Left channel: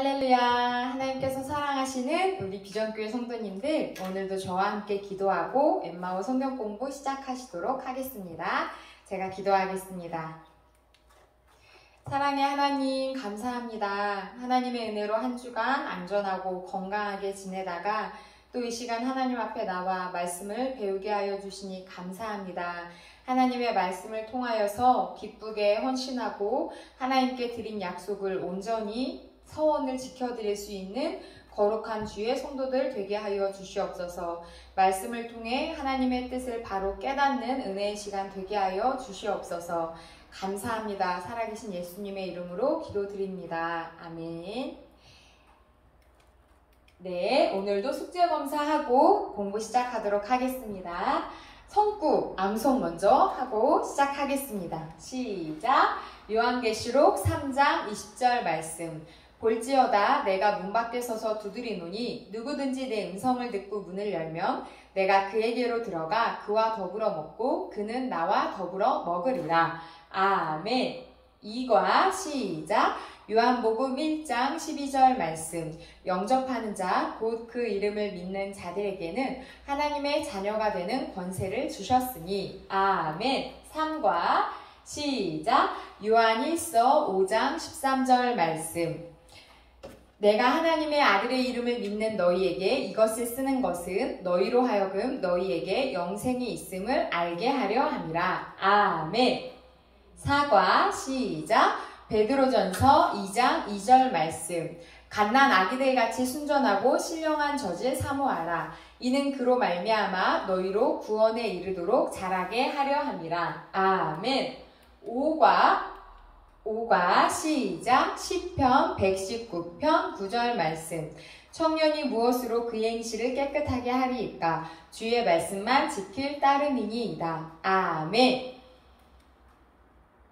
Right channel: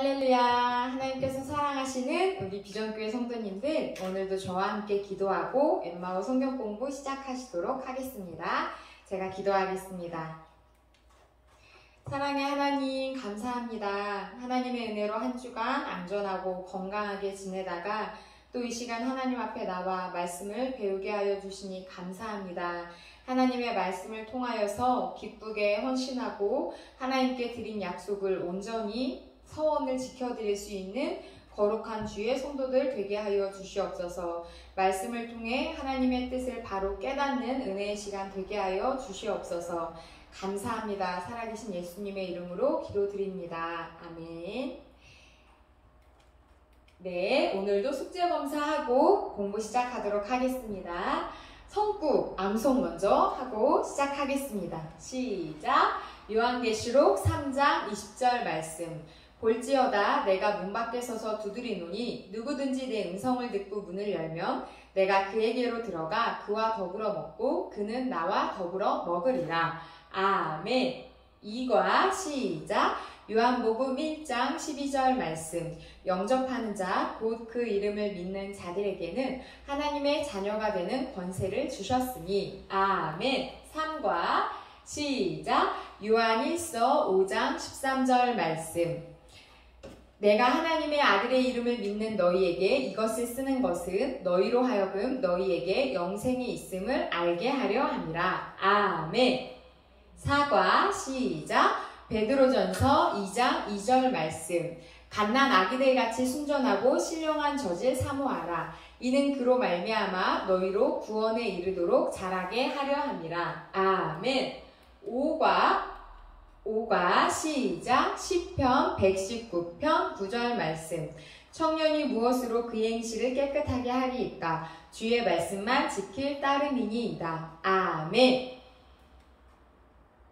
할렐루야. 하나님께서 사랑하시는 우리 비전교회 성도님들, 오늘도 저와 함께 기도하고 엠마오 성경 공부 시작하시도록 하겠습니다. 제가 기도하겠습니다. 사랑의 하나님, 감사합니다. 하나님의 은혜로 한 주간 안전하고 건강하게 지내다가 또 이 시간 하나님 앞에 나와 말씀을 배우게 하여 주시니 감사합니다. 하나님의 말씀을 통하여서 기쁘게 헌신하고 하나님께 드린 약속을 온전히 서원을 지켜드릴 수 있는 거룩한 주의 성도들 되게 하여 주시옵소서. 말씀을 통해 하나님의 뜻을 바로 깨닫는 은혜의 시간 되게 하여 주시옵소서. 감사합니다. 살아계신 예수님의 이름으로 기도드립니다. 아멘. 네, 오늘도 숙제 검사하고 공부 시작하도록 하겠습니다. 성구, 암송 먼저 하고 시작하겠습니다. 시작! 요한계시록 3장 20절 말씀. 볼지어다 내가 문 밖에 서서 두드리노니 누구든지 내 음성을 듣고 문을 열면 내가 그에게로 들어가 그와 더불어 먹고 그는 나와 더불어 먹으리라. 아멘. 2과 시작! 요한복음 1장 12절 말씀. 영접하는 자, 곧 그 이름을 믿는 자들에게는 하나님의 자녀가 되는 권세를 주셨으니. 아멘. 3과 시작! 요한일서 5장 13절 말씀. 내가 하나님의 아들의 이름을 믿는 너희에게 이것을 쓰는 것은 너희로 하여금 너희에게 영생이 있음을 알게 하려 함이라. 아멘. 4과 시작! 베드로전서 2장 2절 말씀. 갓난 아기들 같이 순전하고 신령한 젖을 사모하라. 이는 그로 말미암아 너희로 구원에 이르도록 자라게 하려 함이라. 아멘. 5과 시작! 시편 119편 9절 말씀. 청년이 무엇으로 그의 행실을 깨끗하게 하리이까? 주의 말씀만 지킬 따름이니이다. 아멘.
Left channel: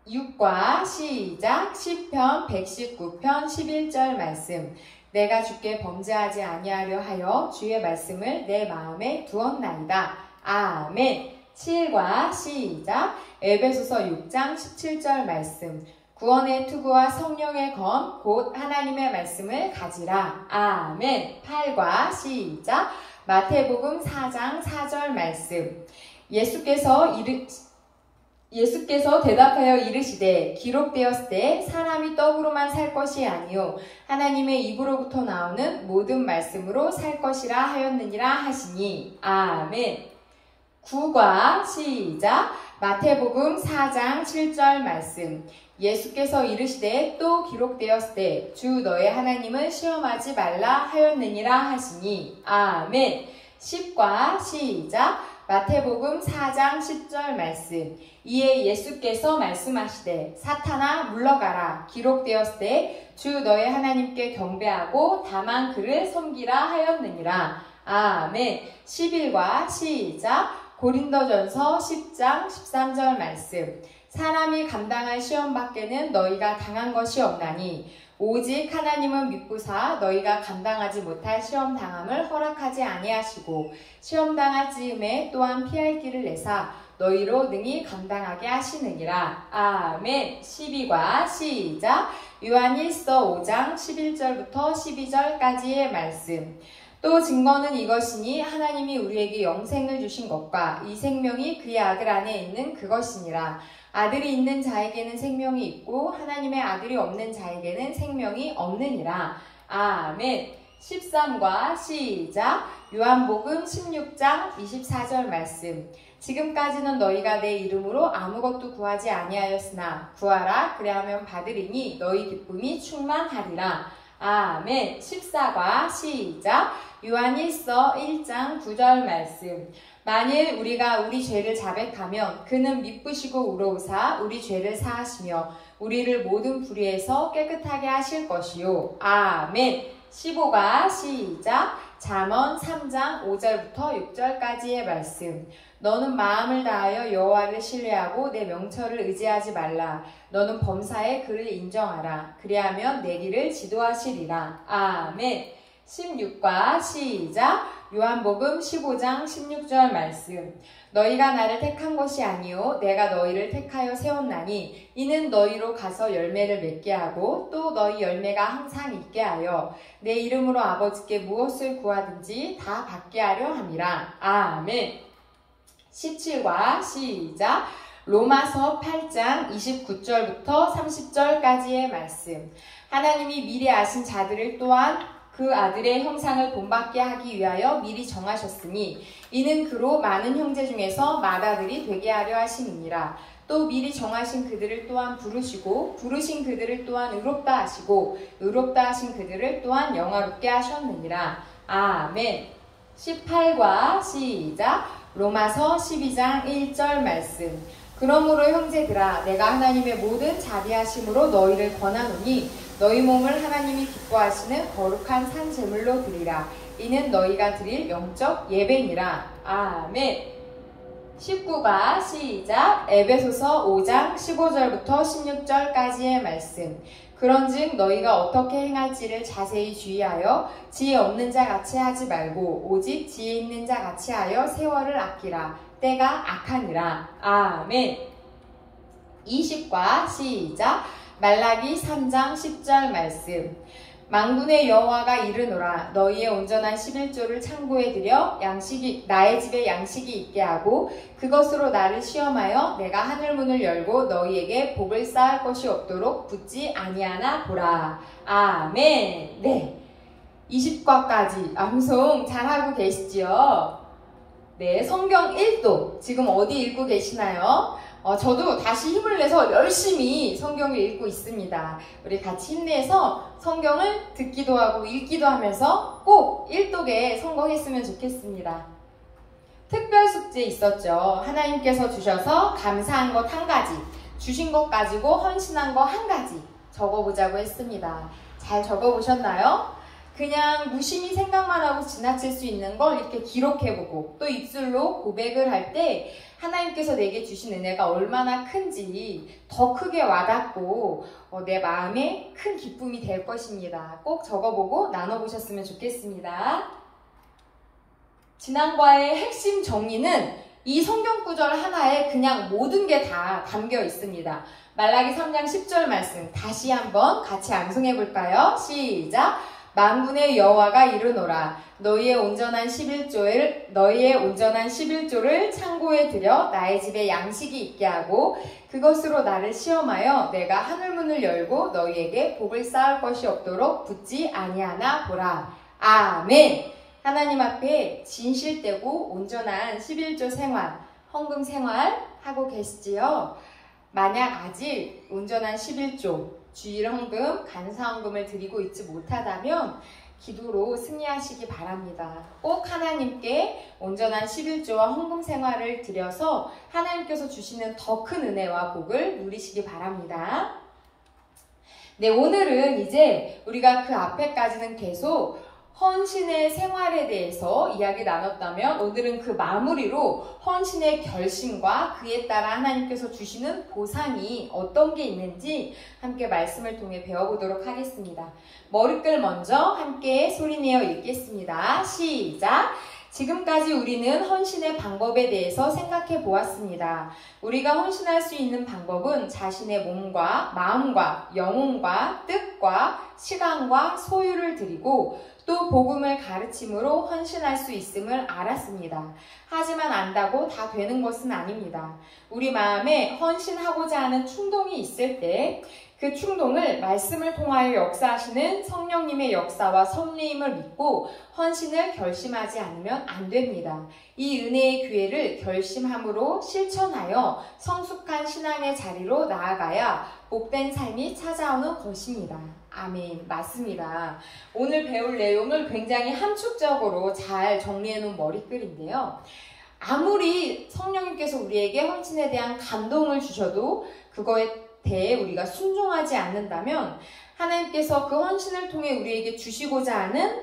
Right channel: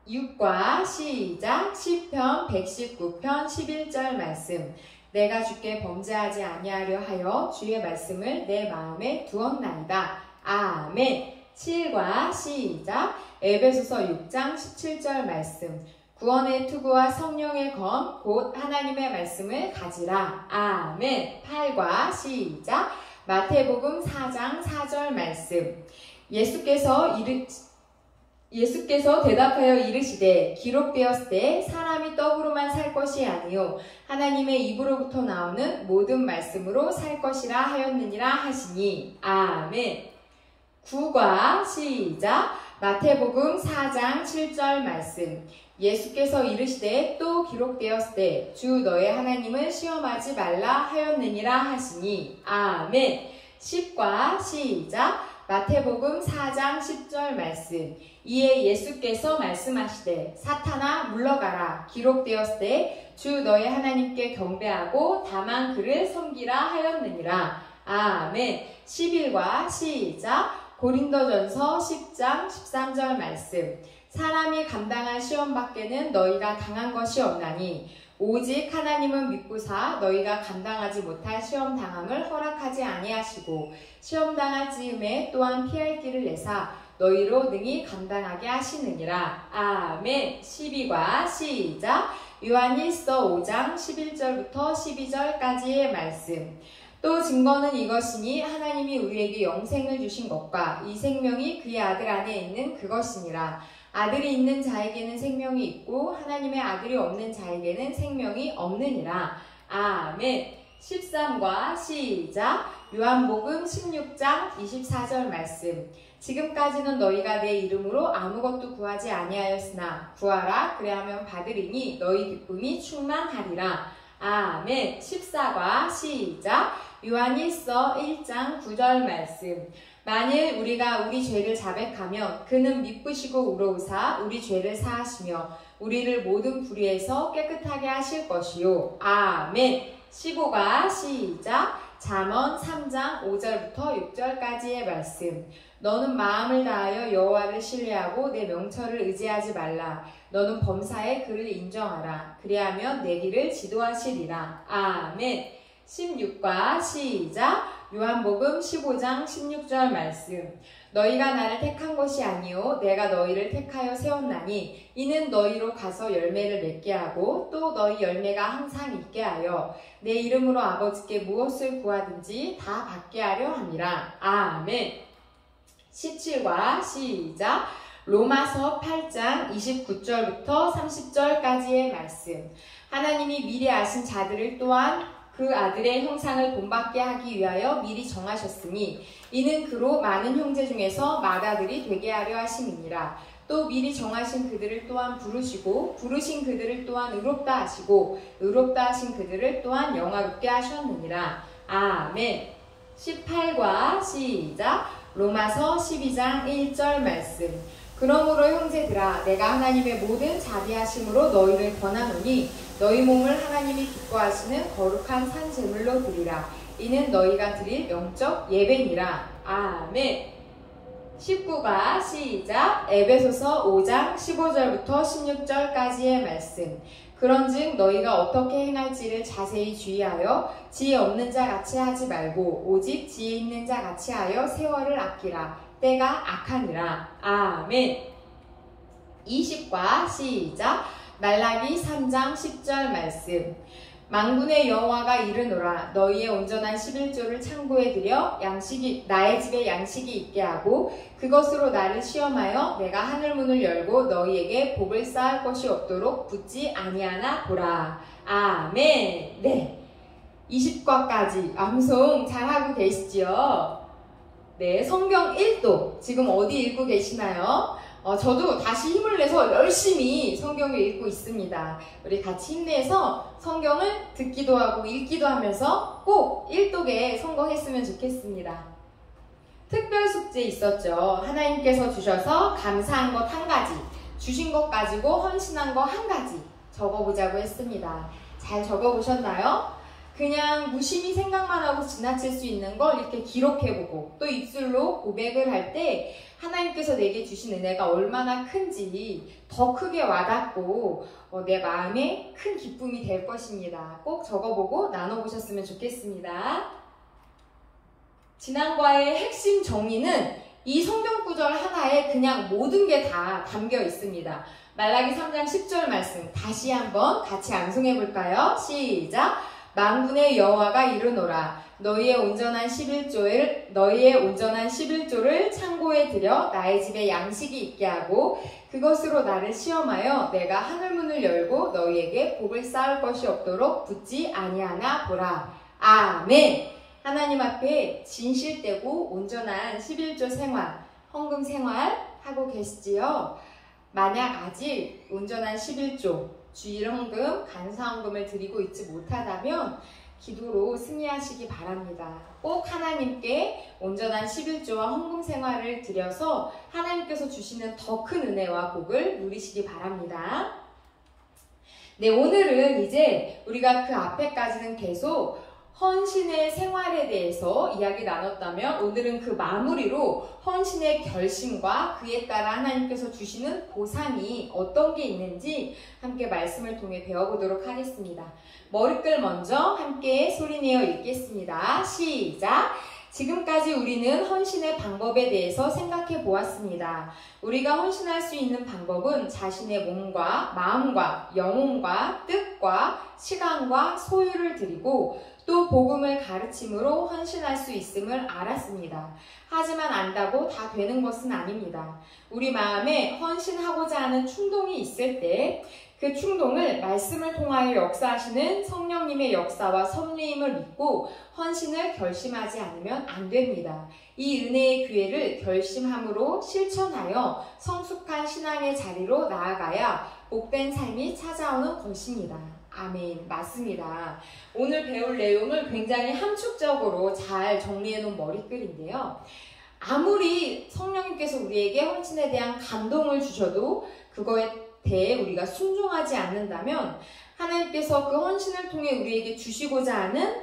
6과 시작! 시편 119편 11절 말씀. 내가 주께 범죄하지 아니하려 하여 주의 말씀을 내 마음에 두었나이다. 아멘. 7과 시작! 에베소서 6장 17절 말씀. 구원의 투구와 성령의 검 곧 하나님의 말씀을 가지라. 아멘. 8과 시작! 마태복음 4장 4절 말씀. 예수께서 대답하여 이르시되 기록되었으되 사람이 떡으로만 살 것이 아니요 하나님의 입으로부터 나오는 모든 말씀으로 살 것이라 하였느니라 하시니. 아멘. 9과 시작! 마태복음 4장 7절 말씀. 예수께서 이르시되 또 기록되었으되 주 너의 하나님을 시험하지 말라 하였느니라 하시니. 아멘. 10과 시작! 마태복음 4장 10절 말씀. 이에 예수께서 말씀하시되 사탄아 물러가라. 기록되었으되 주 너의 하나님께 경배하고 다만 그를 섬기라 하였느니라. 아멘. 11과 시작! 고린도전서 10장 13절 말씀. 사람이 감당할 시험 밖에는 너희가 당한 것이 없나니 오직 하나님은 믿부사 너희가 감당하지 못할 시험 당함을 허락하지 아니하시고 시험 당할 즈음에 또한 피할 길을 내사 너희로 능히 감당하게 하시느니라. 아멘. 12과 시작! 요한일서 5장 11절부터 12절까지의 말씀. 또 증거는 이것이니 하나님이 우리에게 영생을 주신 것과 이 생명이 그의 아들 안에 있는 그것이니라. 아들이 있는 자에게는 생명이 있고 하나님의 아들이 없는 자에게는 생명이 없느니라. 아멘. 13과 시작! 요한복음 16장 24절 말씀. 지금까지는 너희가 내 이름으로 아무것도 구하지 아니하였으나 구하라 그리하면 받으리니 너희 기쁨이 충만하리라. 아멘. 14과 시작! 요한일서 1장 9절 말씀. 만일 우리가 우리 죄를 자백하면 그는 미쁘시고 의로우사 우리 죄를 사하시며 우리를 모든 불의에서 깨끗하게 하실 것이요. 아멘. 15가 시작! 잠언 3장 5절부터 6절까지의 말씀. 너는 마음을 다하여 여호와를 신뢰하고 내 명철을 의지하지 말라. 너는 범사에 그를 인정하라. 그리하면 내 길을 지도하시리라. 아멘. 16과 시작! 요한복음 15장 16절 말씀. 너희가 나를 택한 것이 아니요 내가 너희를 택하여 세웠나니 이는 너희로 가서 열매를 맺게 하고 또 너희 열매가 항상 있게 하여 내 이름으로 아버지께 무엇을 구하든지 다 받게 하려 함이라. 아멘. 17과 시작. 로마서 8장 29절부터 30절까지의 말씀. 하나님이 미리 아신 자들을 또한 그 아들의 형상을 본받게 하기 위하여 미리 정하셨으니 이는 그로 많은 형제 중에서 맏아들이 되게 하려 하심이니라. 또 미리 정하신 그들을 또한 부르시고 부르신 그들을 또한 의롭다 하시고 의롭다 하신 그들을 또한 영화롭게 하셨느니라. 아멘. 18과 시작. 로마서 12장 1절 말씀. 그러므로 형제들아 내가 하나님의 모든 자비하심으로 너희를 권하노니 너희 몸을 하나님이 기뻐하시는 거룩한 산 제물로 드리라. 이는 너희가 드릴 영적 예배니라. 아멘. 19가 시작. 에베소서 5장 15절부터 16절까지의 말씀. 그런즉 너희가 어떻게 행할지를 자세히 주의하여 지혜 없는 자 같이 하지 말고 오직 지혜 있는 자 같이 하여 세월을 아끼라. 때가 악하니라. 아멘. 20과 시작. 말라기 3장 10절 말씀. 만군의 여호와가 이르노라. 너희의 온전한 11조를 창고에 들여 나의 집에 양식이 있게 하고 그것으로 나를 시험하여 내가 하늘문을 열고 너희에게 복을 쌓을 것이 없도록 붙지 아니하나 보라. 아멘. 네, 20과까지 암송 잘하고 계시지요? 네, 성경 1도 지금 어디 읽고 계시나요? 저도 다시 힘을 내서 열심히 성경을 읽고 있습니다. 우리 같이 힘내서 성경을 듣기도 하고 읽기도 하면서 꼭 1독에 성공했으면 좋겠습니다. 특별 숙제 있었죠. 하나님께서 주셔서 감사한 것 한 가지, 주신 것 가지고 헌신한 거 한 가지 적어보자고 했습니다. 잘 적어보셨나요? 그냥 무심히 생각만 하고 지나칠 수 있는 걸 이렇게 기록해보고 또 입술로 고백을 할 때 하나님께서 내게 주신 은혜가 얼마나 큰지 더 크게 와닿고 내 마음에 큰 기쁨이 될 것입니다. 꼭 적어보고 나눠보셨으면 좋겠습니다. 지난과의 핵심 정의는 이 성경 구절 하나에 그냥 모든 게 다 담겨 있습니다. 말라기 3장 10절 말씀 다시 한번 같이 암송해 볼까요? 시작! 만군의 여호와가 이르노라. 너희의 온전한 11조를 창고에 들여 나의 집에 양식이 있게 하고 그것으로 나를 시험하여 내가 하늘문을 열고 너희에게 복을 쌓을 것이 없도록 붙지 아니하나 보라. 아멘. 하나님 앞에 진실되고 온전한 11조 생활, 헌금 생활 하고 계시지요? 만약 아직 온전한 11조, 주일 헌금, 간사 헌금을 드리고 있지 못하다면 기도로 승리하시기 바랍니다. 꼭 하나님께 온전한 11조와 헌금 생활을 드려서 하나님께서 주시는 더 큰 은혜와 복을 누리시기 바랍니다. 네, 오늘은 이제 우리가 그 앞에까지는 계속 헌신의 생활에 대해서 이야기 나눴다면 오늘은 그 마무리로 헌신의 결심과 그에 따라 하나님께서 주시는 보상이 어떤 게 있는지 함께 말씀을 통해 배워보도록 하겠습니다. 머리글 먼저 함께 소리내어 읽겠습니다. 시작! 지금까지 우리는 헌신의 방법에 대해서 생각해 보았습니다. 우리가 헌신할 수 있는 방법은 자신의 몸과 마음과 영혼과 뜻과 시간과 소유를 드리고 또 복음을 가르침으로 헌신할 수 있음을 알았습니다. 하지만 안다고 다 되는 것은 아닙니다. 우리 마음에 헌신하고자 하는 충동이 있을 때 그 충동을 말씀을 통하여 역사하시는 성령님의 역사와 섭리임을 믿고 헌신을 결심하지 않으면 안 됩니다. 이 은혜의 기회를 결심함으로 실천하여 성숙한 신앙의 자리로 나아가야 복된 삶이 찾아오는 것입니다. 아멘. 맞습니다. 오늘 배울 내용을 굉장히 함축적으로 잘 정리해 놓은 머리글인데요. 아무리 성령님께서 우리에게 헌신에 대한 감동을 주셔도 그거에 대해 우리가 순종하지 않는다면 하나님께서 그 헌신을 통해 우리에게 주시고자 하는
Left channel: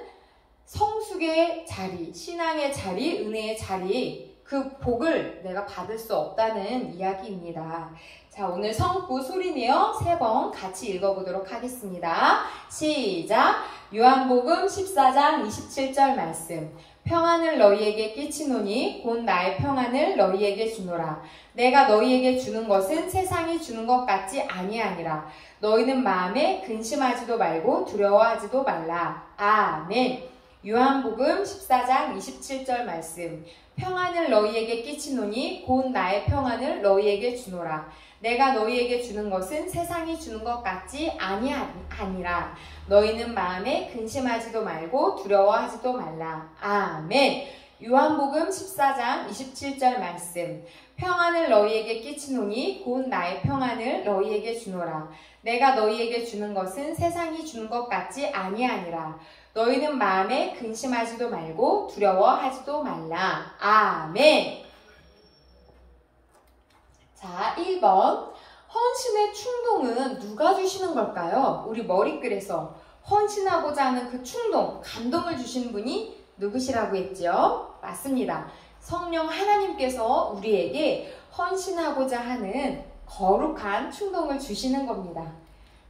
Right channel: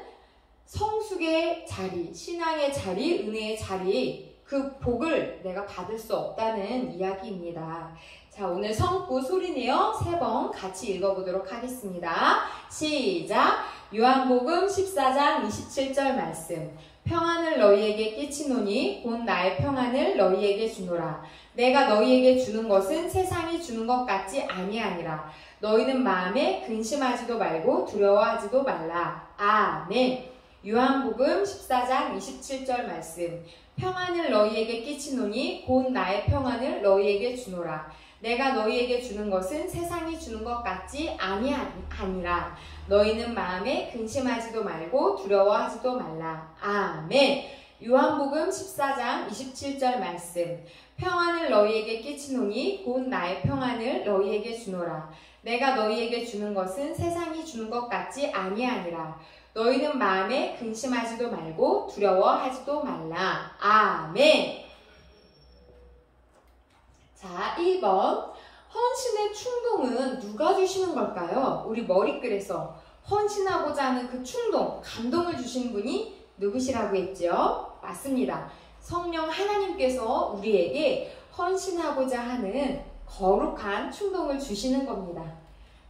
성숙의 자리, 신앙의 자리, 은혜의 자리, 그 복을 내가 받을 수 없다는 이야기입니다. 자, 오늘 성구 소리내어 3번 같이 읽어보도록 하겠습니다. 시작! 요한복음 14장 27절 말씀. 평안을 너희에게 끼치노니 곧 나의 평안을 너희에게 주노라. 내가 너희에게 주는 것은 세상이 주는 것 같지 아니하니라. 너희는 마음에 근심하지도 말고 두려워하지도 말라. 아멘. 요한복음 14장 27절 말씀. 평안을 너희에게 끼치노니 곧 나의 평안을 너희에게 주노라. 내가 너희에게 주는 것은 세상이 주는 것 같지 아니하니라. 너희는 마음에 근심하지도 말고 두려워하지도 말라. 아멘. 요한복음 14장 27절 말씀. 평안을 너희에게 끼치노니 곧 나의 평안을 너희에게 주노라. 내가 너희에게 주는 것은 세상이 주는 것 같지 아니하니라. 너희는 마음에 근심하지도 말고 두려워하지도 말라. 아멘. 자, 1번. 헌신의 충동은 누가 주시는 걸까요? 우리 머릿글에서 헌신하고자 하는 그 충동, 감동을 주신 분이 누구시라고 했죠? 맞습니다. 성령 하나님께서 우리에게 헌신하고자 하는 거룩한 충동을 주시는 겁니다.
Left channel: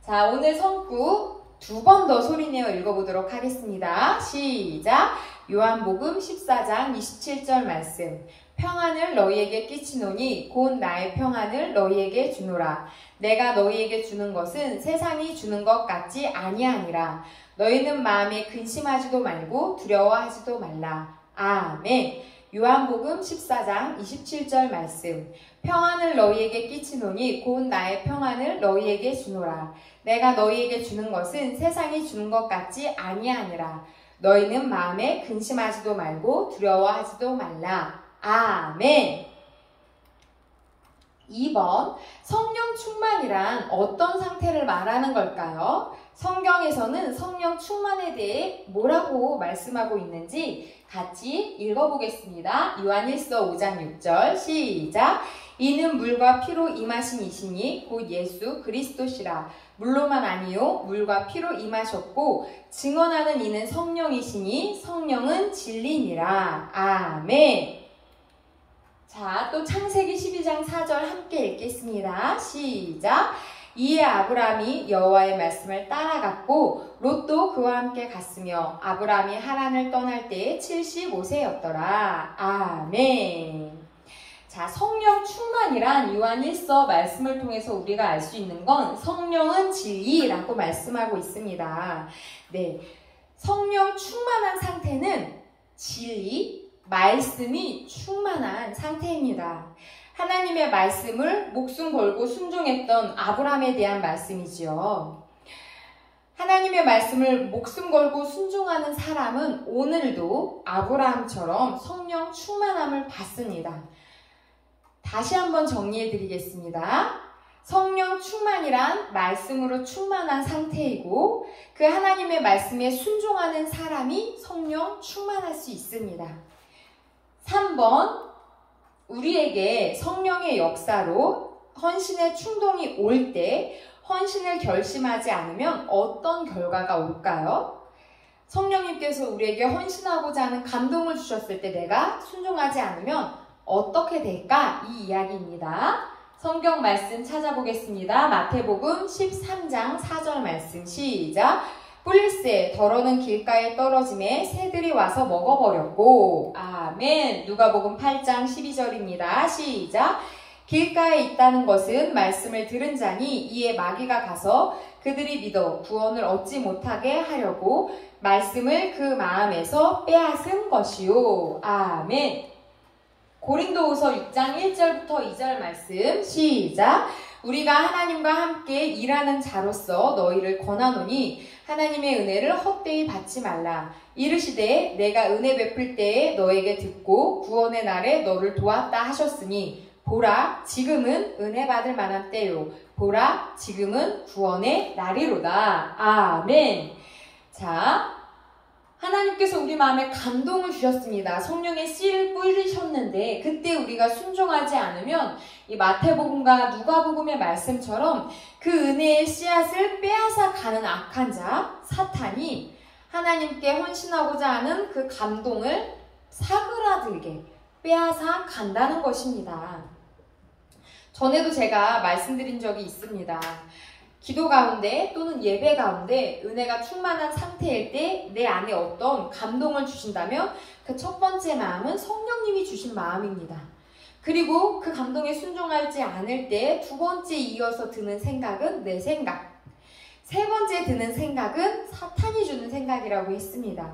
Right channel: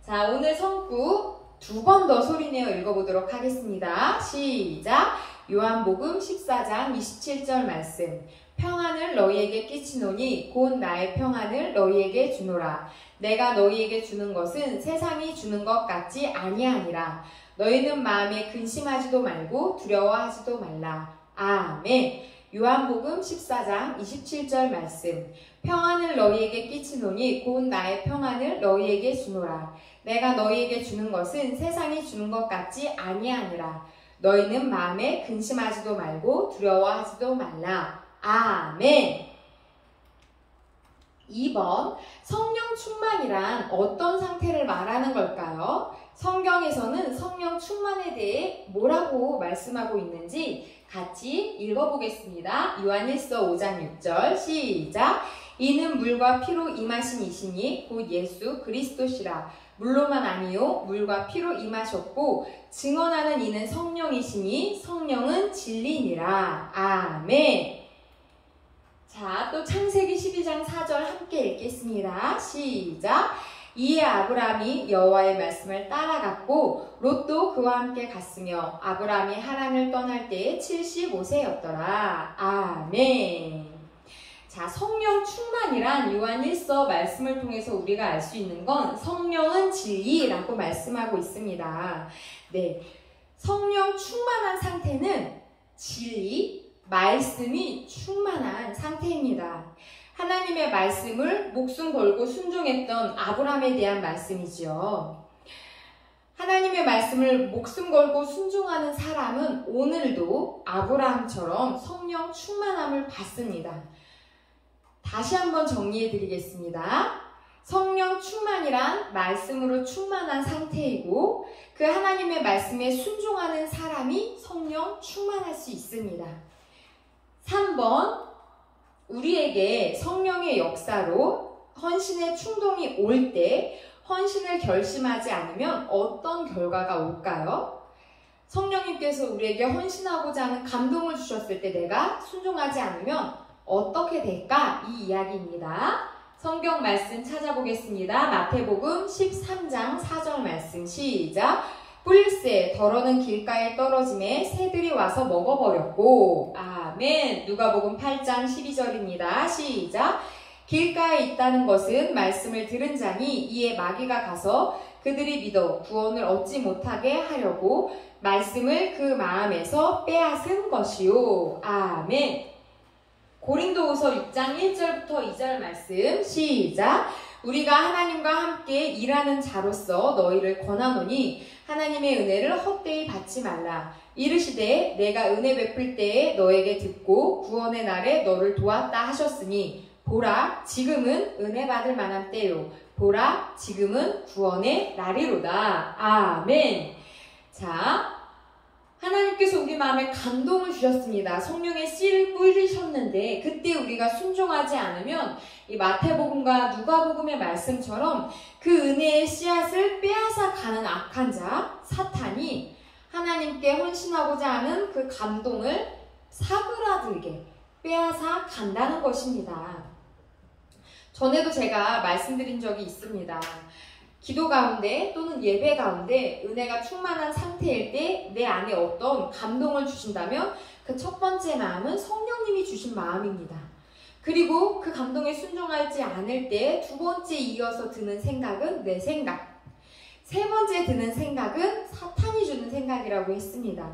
자, 오늘 성구 2번 더 소리내어 읽어보도록 하겠습니다. 시작! 요한복음 14장 27절 말씀. 평안을 너희에게 끼치노니 곧 나의 평안을 너희에게 주노라. 내가 너희에게 주는 것은 세상이 주는 것 같지 아니하니라. 너희는 마음에 근심하지도 말고 두려워하지도 말라. 아멘. 요한복음 14장 27절 말씀. 평안을 너희에게 끼치노니 곧 나의 평안을 너희에게 주노라. 내가 너희에게 주는 것은 세상이 주는 것 같지 아니하니라. 너희는 마음에 근심하지도 말고 두려워하지도 말라. 아멘. 2번. 성령 충만이란 어떤 상태를 말하는 걸까요? 성경에서는 성령 충만에 대해 뭐라고 말씀하고 있는지 같이 읽어보겠습니다. 요한일서 5장 6절 시작. 이는 물과 피로 임하신 이시니 곧 예수 그리스도시라. 물로만 아니요 물과 피로 임하셨고 증언하는 이는 성령이시니 성령은 진리니라. 아멘. 자, 또 창세기 12장 4절 함께 읽겠습니다. 시작. 이에 아브라함이 여호와의 말씀을 따라갔고 롯도 그와 함께 갔으며 아브라함이 하란을 떠날 때에 75세였더라. 아멘. 자, 성령 충만이란 요한일서 말씀을 통해서 우리가 알 수 있는 건 성령은 진리라고 말씀하고 있습니다. 네, 성령 충만한 상태는 진리, 말씀이 충만한 상태입니다. 하나님의 말씀을 목숨 걸고 순종했던 아브라함에 대한 말씀이지요. 하나님의 말씀을 목숨 걸고 순종하는 사람은 오늘도 아브라함처럼 성령 충만함을 받습니다. 다시 한번 정리해 드리겠습니다. 성령 충만이란 말씀으로 충만한 상태이고 그 하나님의 말씀에 순종하는 사람이 성령 충만할 수 있습니다. 3번. 우리에게 성령의 역사로 헌신의 충동이 올 때 헌신을 결심하지 않으면 어떤 결과가 올까요? 성령님께서 우리에게 헌신하고자 하는 감동을 주셨을 때 내가 순종하지 않으면 어떻게 될까? 이 이야기입니다. 성경 말씀 찾아보겠습니다. 마태복음 13장 4절 말씀 시작. 뿔세 더러는 길가에 떨어짐에 새들이 와서 먹어버렸고. 아멘. 누가복음 8장 12절입니다. 시작. 길가에 있다는 것은 말씀을 들은 자니 이에 마귀가 가서 그들이 믿어 구원을 얻지 못하게 하려고 말씀을 그 마음에서 빼앗은 것이요. 아멘. 고린도후서 6장 1절부터 2절 말씀 시작. 우리가 하나님과 함께 일하는 자로서 너희를 권하노니 하나님의 은혜를 헛되이 받지 말라. 이르시되 내가 은혜 베풀 때에 너에게 듣고 구원의 날에 너를 도왔다 하셨으니 보라 지금은 은혜 받을 만한 때요. 보라 지금은 구원의 날이로다. 아멘. 자, 하나님께서 우리 마음에 감동을 주셨습니다. 성령의 씨를 뿌리셨는데 그때 우리가 순종하지 않으면 이 마태복음과 누가복음의 말씀처럼 그 은혜의 씨앗을 빼앗아 가는 악한 자 사탄이 하나님께 헌신하고자 하는 그 감동을 사그라들게 빼앗아 간다는 것입니다. 전에도 제가 말씀드린 적이 있습니다. 기도 가운데 또는 예배 가운데 은혜가 충만한 상태일 때 내 안에 어떤 감동을 주신다면 그 첫 번째 마음은 성령님이 주신 마음입니다. 그리고 그 감동에 순종하지 않을 때 두 번째 이어서 드는 생각은 내 생각, 세 번째 드는 생각은 사탄이 주는 생각이라고 했습니다.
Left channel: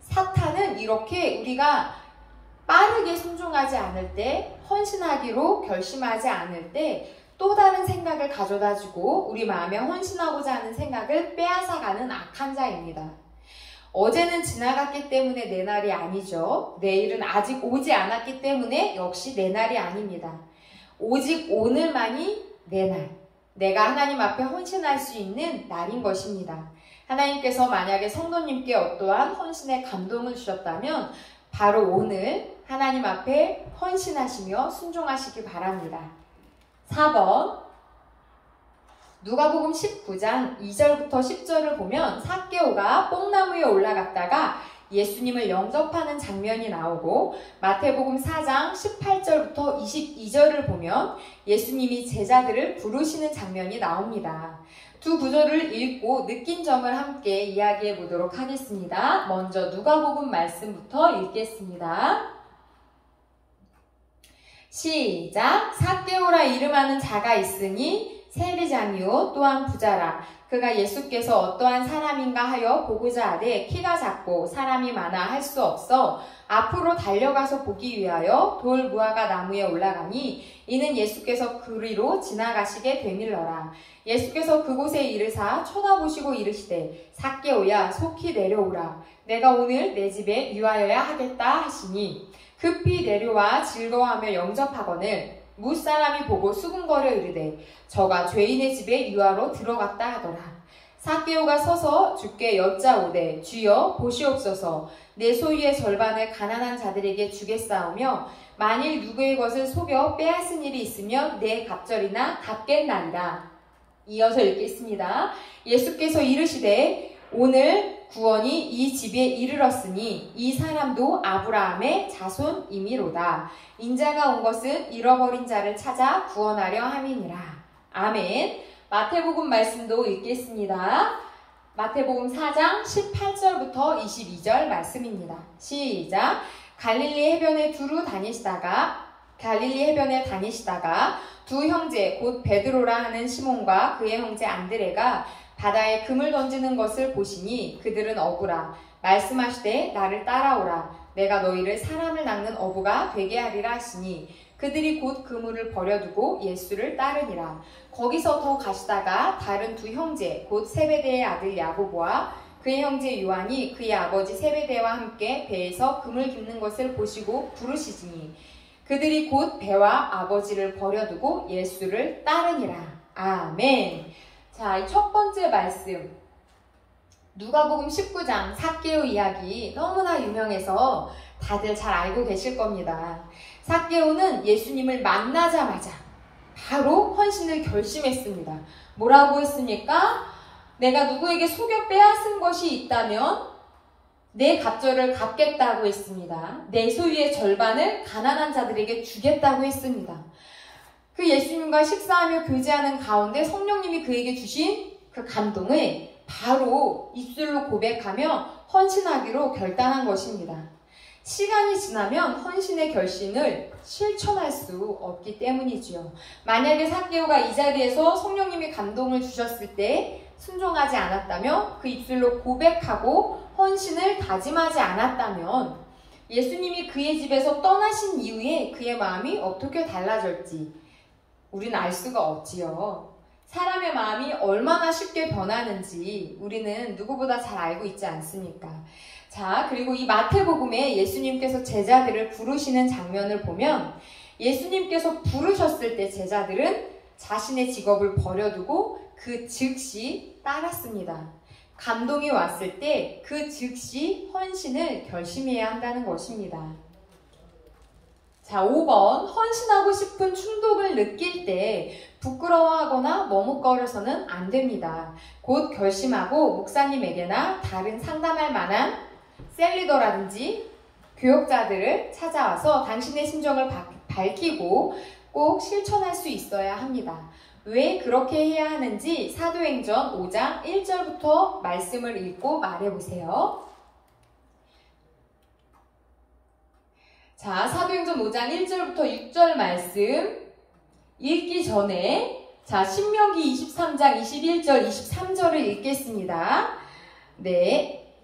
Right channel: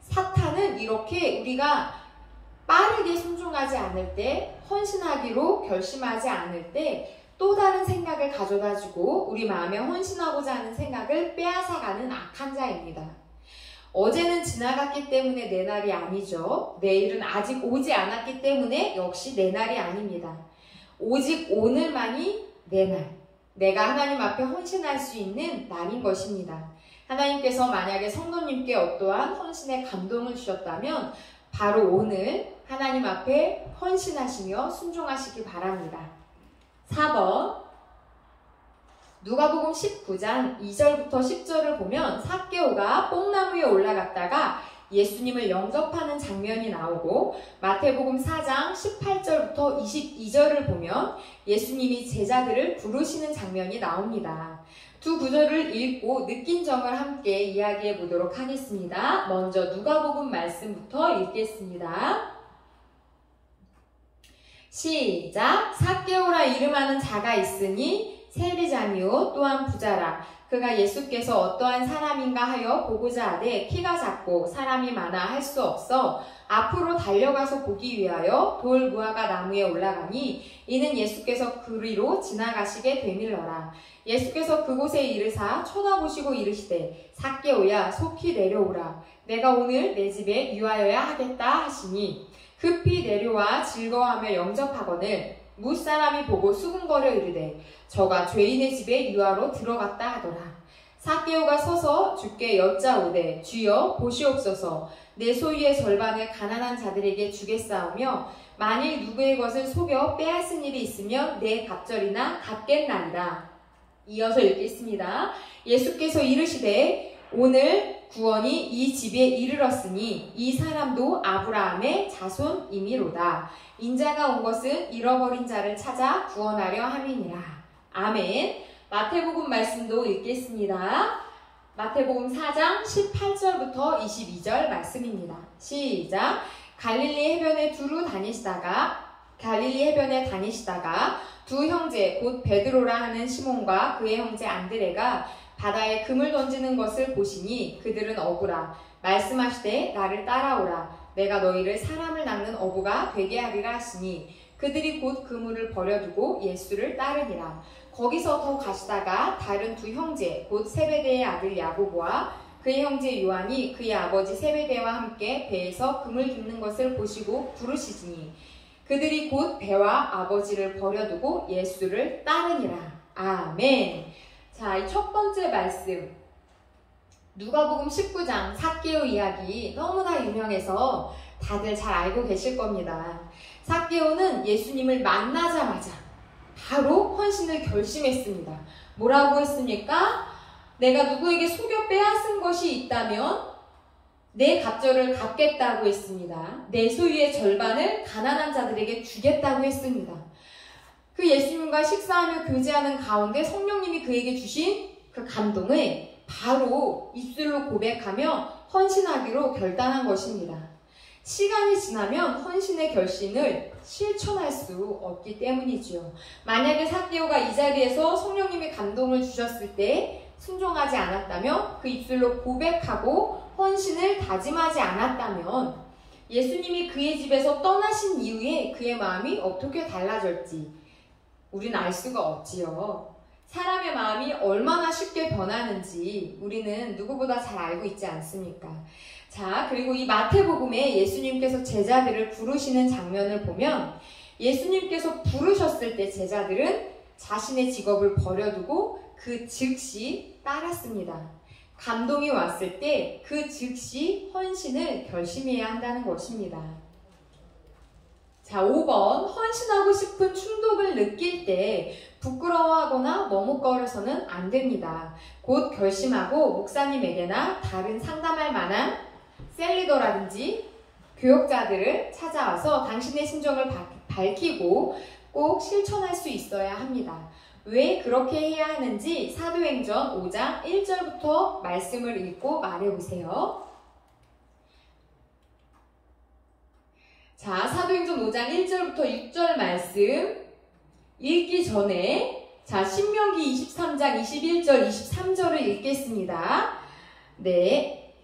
사탄은 이렇게 우리가 빠르게 순종하지 않을 때, 헌신하기로 결심하지 않을 때 또 다른 생각을 가져다주고 우리 마음에 헌신하고자 하는 생각을 빼앗아가는 악한 자입니다. 어제는 지나갔기 때문에 내 날이 아니죠. 내일은 아직 오지 않았기 때문에 역시 내 날이 아닙니다. 오직 오늘만이 내 날, 내가 하나님 앞에 헌신할 수 있는 날인 것입니다. 하나님께서 만약에 성도님께 어떠한 헌신의 감동을 주셨다면 바로 오늘 하나님 앞에 헌신하시며 순종하시기 바랍니다. 4번 누가복음 19장 2절부터 10절을 보면 삭개오가 뽕나무에 올라갔다가 예수님을 영접하는 장면이 나오고, 마태복음 4장 18절부터 22절을 보면 예수님이 제자들을 부르시는 장면이 나옵니다. 두 구절을 읽고 느낀 점을 함께 이야기해 보도록 하겠습니다. 먼저 누가복음 말씀부터 읽겠습니다. 시작. 삭개오라 이름하는 자가 있으니 세리장이요 또한 부자라. 그가 예수께서 어떠한 사람인가 하여 보고자 하되 키가 작고 사람이 많아 할 수 없어 앞으로 달려가서 보기 위하여 돌 무화과 나무에 올라가니 이는 예수께서 그리로 지나가시게 되밀러라. 예수께서 그곳에 이르사 쳐다보시고 이르시되 삭개오야 속히 내려오라. 내가 오늘 내 집에 유하여야 하겠다 하시니 급히 내려와 즐거워하며 영접하거늘 무사람이 보고 수군거려 이르되 저가 죄인의 집에 유하로 들어갔다 하더라. 삭개오가 서서 주께 여짜오되 주여 보시옵소서 내 소유의 절반을 가난한 자들에게 주겠사오며 만일 누구의 것을 속여 빼앗은 일이 있으면 내 갑절이나 갚겠나이다. 이어서 읽겠습니다. 예수께서 이르시되 오늘 구원이 이 집에 이르렀으니 이 사람도 아브라함의 자손이미로다. 인자가 온 것은 잃어버린 자를 찾아 구원하려 함이니라. 아멘. 마태복음 말씀도 읽겠습니다. 마태복음 4장 18절부터 22절 말씀입니다. 시작. 갈릴리 해변에 다니시다가 두 형제 곧 베드로라 하는 시몬과 그의 형제 안드레가 바다에 금을 던지는 것을 보시니 그들은 어부라. 말씀하시되 나를 따라오라. 내가 너희를 사람을 낚는 어부가 되게 하리라 하시니 그들이 곧 그물을 버려두고 예수를 따르니라. 거기서 더 가시다가 다른 두 형제 곧 세베대의 아들 야고보와 그의 형제 요한이 그의 아버지 세베대와 함께 배에서 금을 깁는 것을 보시고 부르시지니 그들이 곧 배와 아버지를 버려두고 예수를 따르니라. 아멘. 자, 이 첫 번째 말씀 누가복음 19장 삭개오 이야기 너무나 유명해서 다들 잘 알고 계실 겁니다. 삭개오는 예수님을 만나자마자 바로 헌신을 결심했습니다. 뭐라고 했습니까? 내가 누구에게 속여 빼앗은 것이 있다면 내 갑절을 갚겠다고 했습니다. 내 소유의 절반을 가난한 자들에게 주겠다고 했습니다. 그 예수님과 식사하며 교제하는 가운데 성령님이 그에게 주신 그 감동을 바로 입술로 고백하며 헌신하기로 결단한 것입니다. 시간이 지나면 헌신의 결심을 실천할 수 없기 때문이지요. 만약에 삭개오가 이 자리에서 성령님이 감동을 주셨을 때 순종하지 않았다면, 그 입술로 고백하고 헌신을 다짐하지 않았다면 예수님이 그의 집에서 떠나신 이후에 그의 마음이 어떻게 달라질지 우리는 알 수가 없지요. 사람의 마음이 얼마나 쉽게 변하는지 우리는 누구보다 잘 알고 있지 않습니까? 자, 그리고 이 마태복음에 예수님께서 제자들을 부르시는 장면을 보면 예수님께서 부르셨을 때 제자들은 자신의 직업을 버려두고 그 즉시 따랐습니다. 감동이 왔을 때 그 즉시 헌신을 결심해야 한다는 것입니다. 자, 5번 헌신하고 싶은 충동을 느낄 때 부끄러워하거나 머뭇거려서는 안 됩니다. 곧 결심하고 목사님에게나 다른 상담할 만한 셀리더라든지 교역자들을 찾아와서 당신의 심정을 밝히고 꼭 실천할 수 있어야 합니다. 왜 그렇게 해야 하는지 사도행전 5장 1절부터 말씀을 읽고 말해보세요. 자, 사도행전 5장 1절부터 6절 말씀 읽기 전에 자, 신명기 23장 21절 23절을 읽겠습니다. 네,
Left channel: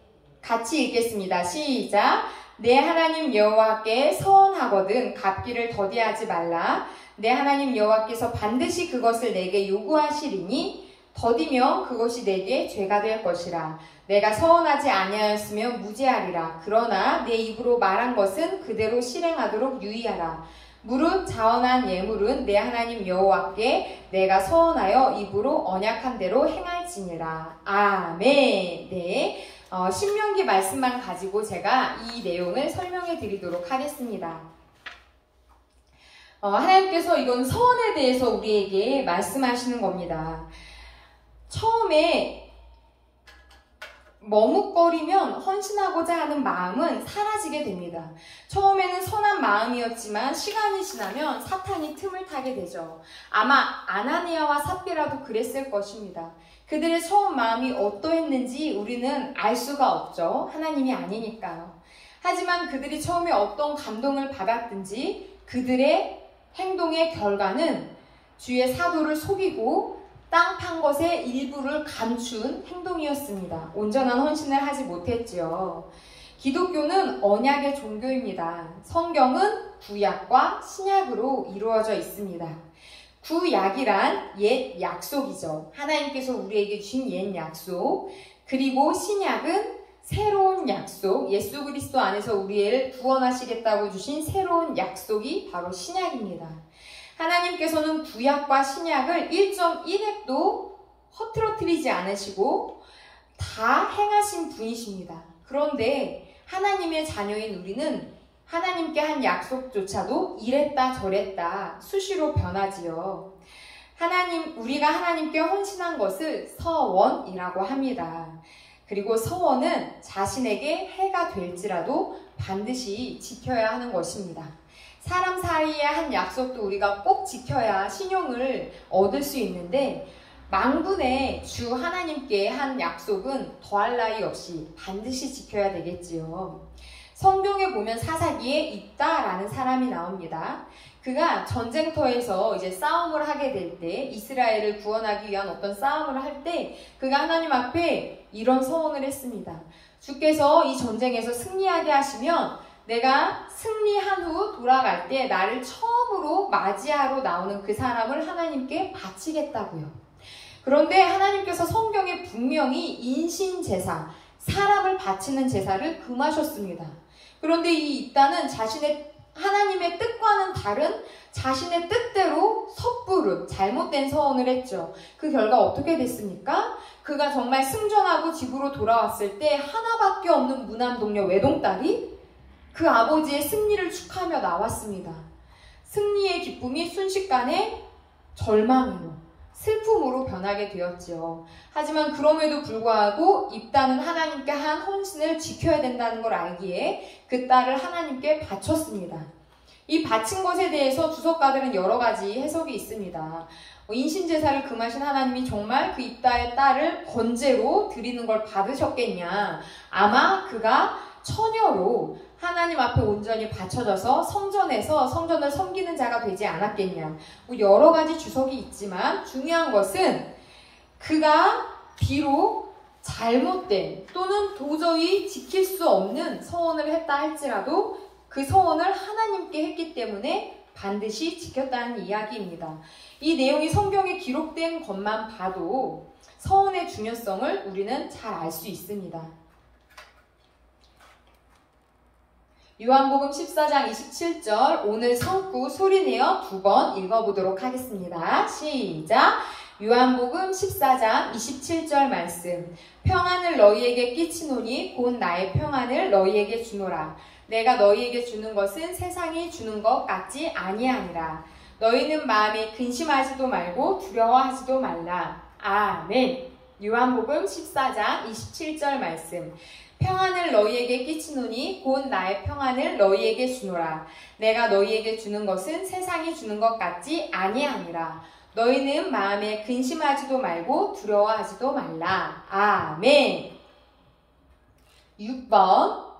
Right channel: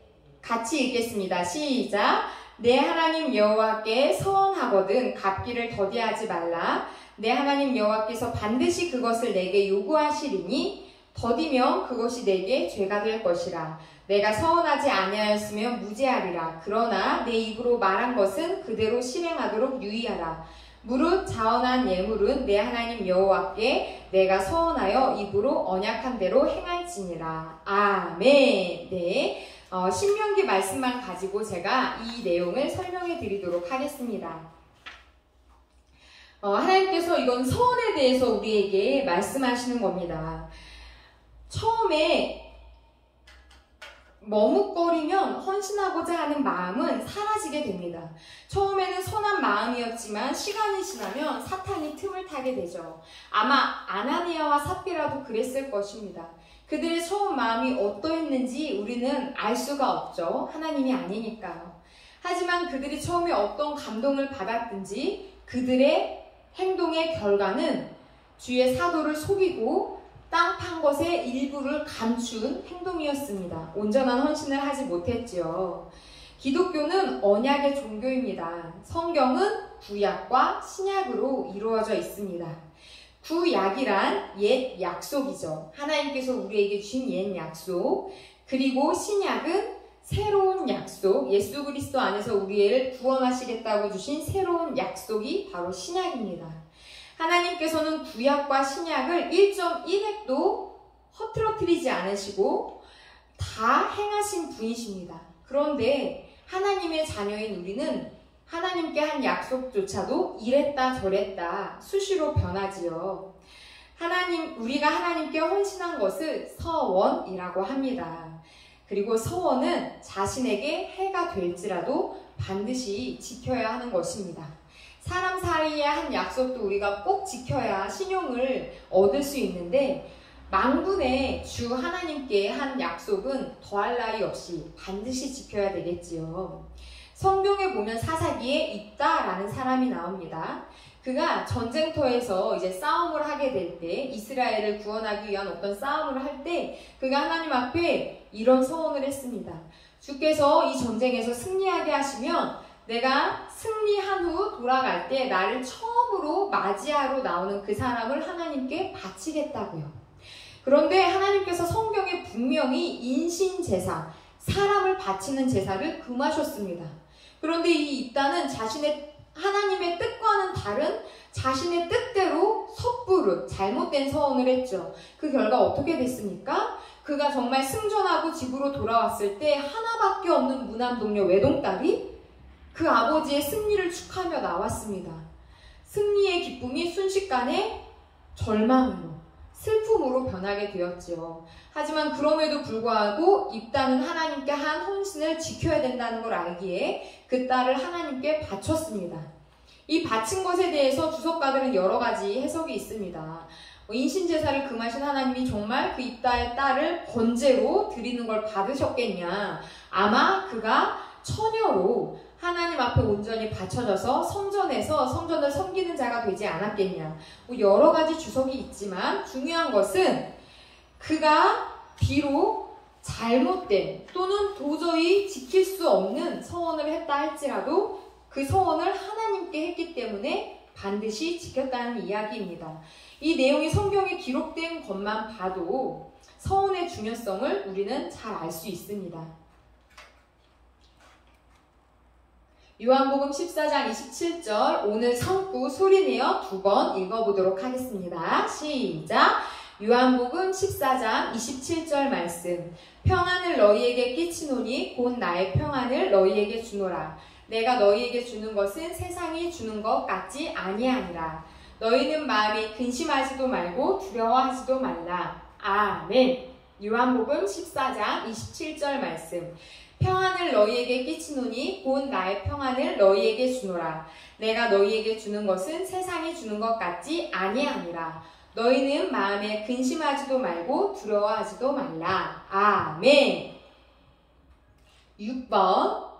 같이 읽겠습니다. 시작. 내 하나님 여호와께 서원하거든 갚기를 더디하지 말라. 내 하나님 여호와께서 반드시 그것을 내게 요구하시리니 더디면 그것이 내게 죄가 될 것이라. 내가 서원하지 아니하였으면 무죄하리라. 그러나 내 입으로 말한 것은 그대로 실행하도록 유의하라. 무릇 자원한 예물은 내 하나님 여호와께 내가 서원하여 입으로 언약한 대로 행할지니라. 아멘. 네, 신명기 말씀만 가지고 제가 이 내용을 설명해 드리도록 하겠습니다. 하나님께서 이건 서원에 대해서 우리에게 말씀하시는 겁니다. 처음에 머뭇거리면 헌신하고자 하는 마음은 사라지게 됩니다. 처음에는 선한 마음이었지만 시간이 지나면 사탄이 틈을 타게 되죠. 아마 아나니아와 삽비라도 그랬을 것입니다. 그들의 처음 마음이 어떠했는지 우리는 알 수가 없죠. 하나님이 아니니까요. 하지만 그들이 처음에 어떤 감동을 받았든지 그들의 행동의 결과는 주의 사도를 속이고 땅 판 것의 일부를 감춘 행동이었습니다. 온전한 헌신을 하지 못했지요. 기독교는 언약의 종교입니다. 성경은 구약과 신약으로 이루어져 있습니다. 구약이란 옛 약속이죠. 하나님께서 우리에게 주신 옛 약속. 그리고 신약은 새로운 약속, 예수 그리스도 안에서 우리를 구원하시겠다고 주신 새로운 약속이 바로 신약입니다. 하나님께서는 구약과 신약을 1.1획도 허트러뜨리지 않으시고 다 행하신 분이십니다. 그런데 하나님의 자녀인 우리는 하나님께 한 약속조차도 이랬다 저랬다 수시로 변하지요. 우리가 하나님께 헌신한 것을 서원이라고 합니다. 그리고 서원은 자신에게 해가 될지라도 반드시 지켜야 하는 것입니다. 사람 사이에 한 약속도 우리가 꼭 지켜야 신용을 얻을 수 있는데 만군의 주 하나님께 한 약속은 더할 나위 없이 반드시 지켜야 되겠지요. 성경에 보면 사사기에 입다라는 사람이 나옵니다. 그가 전쟁터에서 이제 싸움을 하게 될 때, 이스라엘을 구원하기 위한 어떤 싸움을 할 때 그가 하나님 앞에 이런 서원을 했습니다. 주께서 이 전쟁에서 승리하게 하시면 내가 승리한 후 돌아갈 때 나를 처음으로 맞이하러 나오는 그 사람을 하나님께 바치겠다고요. 그런데 하나님께서 성경에 분명히 인신제사, 사람을 바치는 제사를 금하셨습니다. 그런데 이 입다는 하나님의 뜻과는 다른 자신의 뜻대로 섣부른 잘못된 서원을 했죠. 그 결과 어떻게 됐습니까? 그가 정말 승전하고 집으로 돌아왔을 때 하나밖에 없는 무남동녀 외동딸이 그 아버지의 승리를 축하하며 나왔습니다. 승리의 기쁨이 순식간에 절망으로, 슬픔으로 변하게 되었지요. 하지만 그럼에도 불구하고 입다는 하나님께 한 헌신을 지켜야 된다는 걸 알기에 그 딸을 하나님께 바쳤습니다. 이 바친 것에 대해서 주석가들은 여러 가지 해석이 있습니다. 인신제사를 금하신 하나님이 정말 그 입다의 딸을 번제로 드리는 걸 받으셨겠냐. 아마 그가 처녀로 하나님 앞에 온전히 바쳐져서 성전에서 성전을 섬기는 자가 되지 않았겠냐. 여러 가지 주석이 있지만 중요한 것은 그가 비록 잘못된 또는 도저히 지킬 수 없는 서원을 했다 할지라도 그 서원을 하나님께 했기 때문에 반드시 지켰다는 이야기입니다. 이 내용이 성경에 기록된 것만 봐도 서원의 중요성을 우리는 잘 알 수 있습니다. 요한복음 14장 27절 오늘 성구 소리내어 2번 읽어보도록 하겠습니다. 시작! 요한복음 14장 27절 말씀. 평안을 너희에게 끼치노니 곧 나의 평안을 너희에게 주노라. 내가 너희에게 주는 것은 세상이 주는 것 같지 아니하니라. 너희는 마음에 근심하지도 말고 두려워하지도 말라. 아멘. 요한복음 14장 27절 말씀. 평안을 너희에게 끼치노니 곧 나의 평안을 너희에게 주노라. 내가 너희에게 주는 것은 세상이 주는 것 같지 아니하니라. 너희는 마음에 근심하지도 말고 두려워하지도 말라. 아멘. 6번.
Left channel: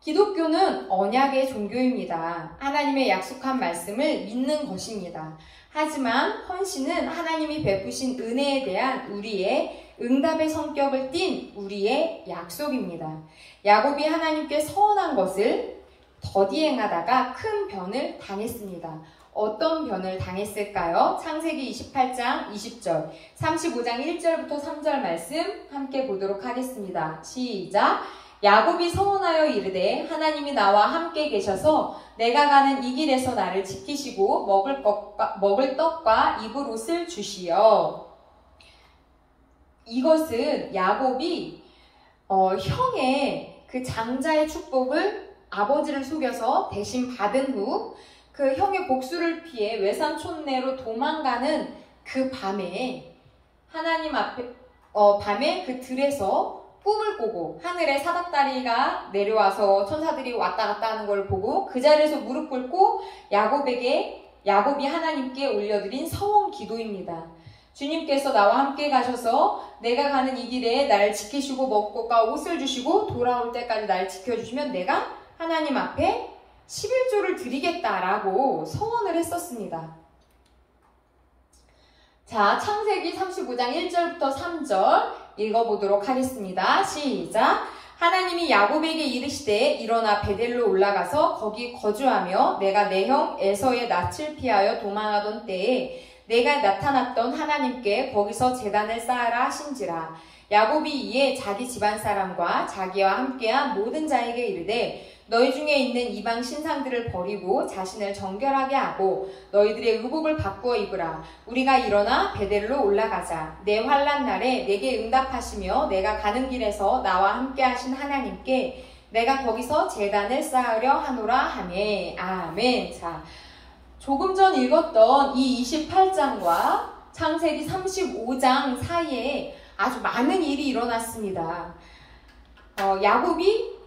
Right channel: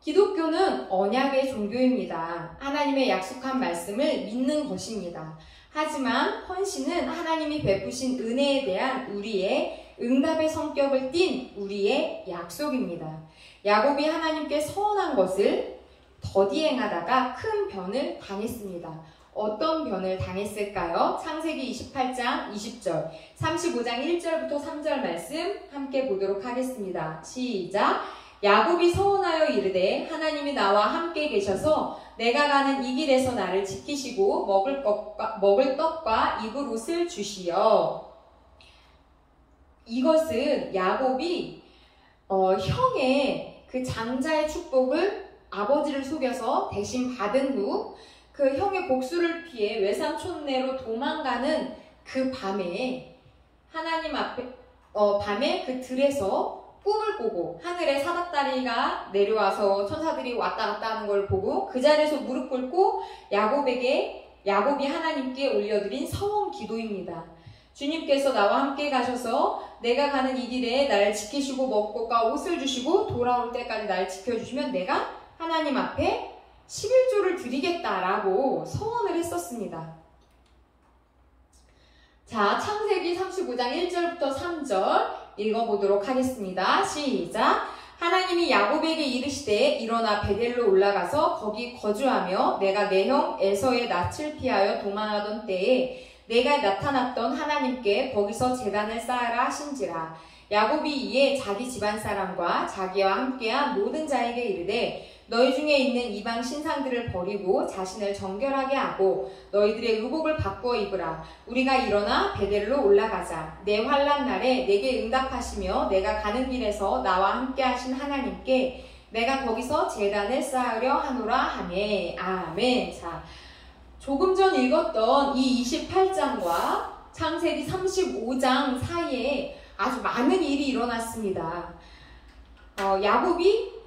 기독교는 언약의 종교입니다. 하나님의 약속한 말씀을 믿는 것입니다. 하지만 헌신은 하나님이 베푸신 은혜에 대한 우리의 응답의 성격을 띤 우리의 약속입니다. 야곱이 하나님께 서원한 것을 더디 행하다가 큰 변을 당했습니다. 어떤 변을 당했을까요? 창세기 28장 20절, 35장 1절부터 3절 말씀 함께 보도록 하겠습니다. 시작! 야곱이 서원하여 이르되 하나님이 나와 함께 계셔서 내가 가는 이 길에서 나를 지키시고 먹을 떡과 입을 옷을 주시어. 이것은 야곱이 형의 그 장자의 축복을 아버지를 속여서 대신 받은 후 그 형의 복수를 피해 외삼촌네로 도망가는 그 밤에 하나님 앞에 밤에 그 들에서 꿈을 꾸고 하늘에 사닥다리가 내려와서 천사들이 왔다 갔다 하는 걸 보고 그 자리에서 무릎 꿇고 야곱이 하나님께 올려드린 서원 기도입니다. 주님께서 나와 함께 가셔서 내가 가는 이 길에 날 지키시고 먹고가 옷을 주시고 돌아올 때까지 날 지켜주시면 내가 하나님 앞에 11조를 드리겠다라고 서원을 했었습니다. 자, 창세기 35장 1절부터 3절 읽어보도록 하겠습니다. 시작! 하나님이 야곱에게 이르시되 일어나 베델로 올라가서 거기 거주하며 내가 내 형 에서의 낯을 피하여 도망하던 때에 내가 나타났던 하나님께 거기서 제단을 쌓으라 하신지라. 야곱이 이에 자기 집안 사람과 자기와 함께한 모든 자에게 이르되 너희 중에 있는 이방 신상들을 버리고 자신을 정결하게 하고 너희들의 의복을 바꾸어 입으라. 우리가 일어나 베델로 올라가자. 내 환난 날에 내게 응답하시며 내가 가는 길에서 나와 함께 하신 하나님께 내가 거기서 제단을 쌓으려 하노라 하매. 아멘. 자, 조금 전 읽었던 이 28장과 창세기 35장 사이에 아주 많은 일이 일어났습니다. 야곱이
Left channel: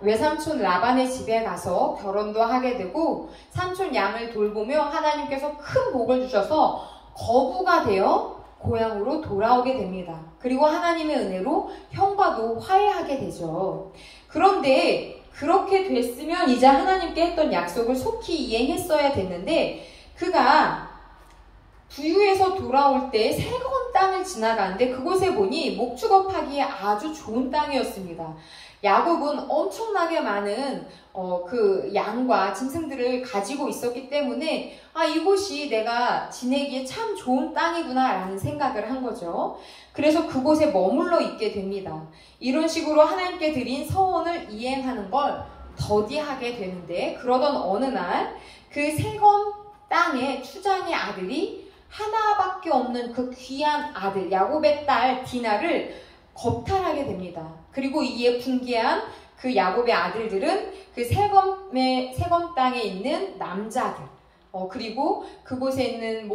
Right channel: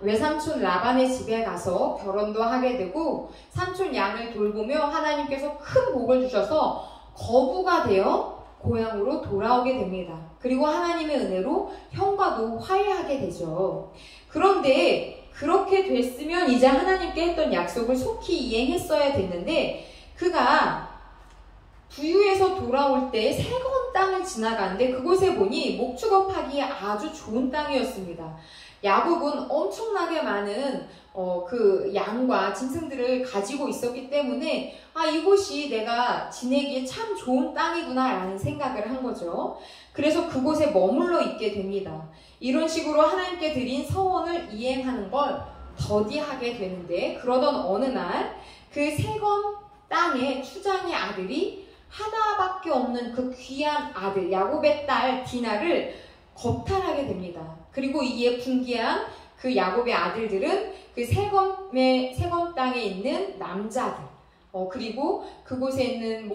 외삼촌 라반의 집에 가서 결혼도 하게 되고 삼촌 양을 돌보며 하나님께서 큰 복을 주셔서 거부가 되어 고향으로 돌아오게 됩니다. 그리고 하나님의 은혜로 형과도 화해하게 되죠. 그런데 그렇게 됐으면 이제 하나님께 했던 약속을 속히 이행했어야 됐는데 그가 부유에서 돌아올 때 새거운 땅을 지나가는데 그곳에 보니 목축업하기에 아주 좋은 땅이었습니다. 야곱은 엄청나게 많은 그 양과 짐승들을 가지고 있었기 때문에 이곳이 내가 지내기에 참 좋은 땅이구나 라는 생각을 한 거죠. 그래서 그곳에 머물러 있게 됩니다. 이런 식으로 하나님께 드린 서원을 이행하는 걸 더디하게 되는데 그러던 어느 날 그 세검 땅의 추장의 아들이 하나밖에 없는 그 귀한 아들 야곱의 딸 디나를 겁탈하게 됩니다. 그리고 이에 분개한 그 야곱의 아들들은 그 세검 땅에 있는 남자들 그리고 그곳에 있는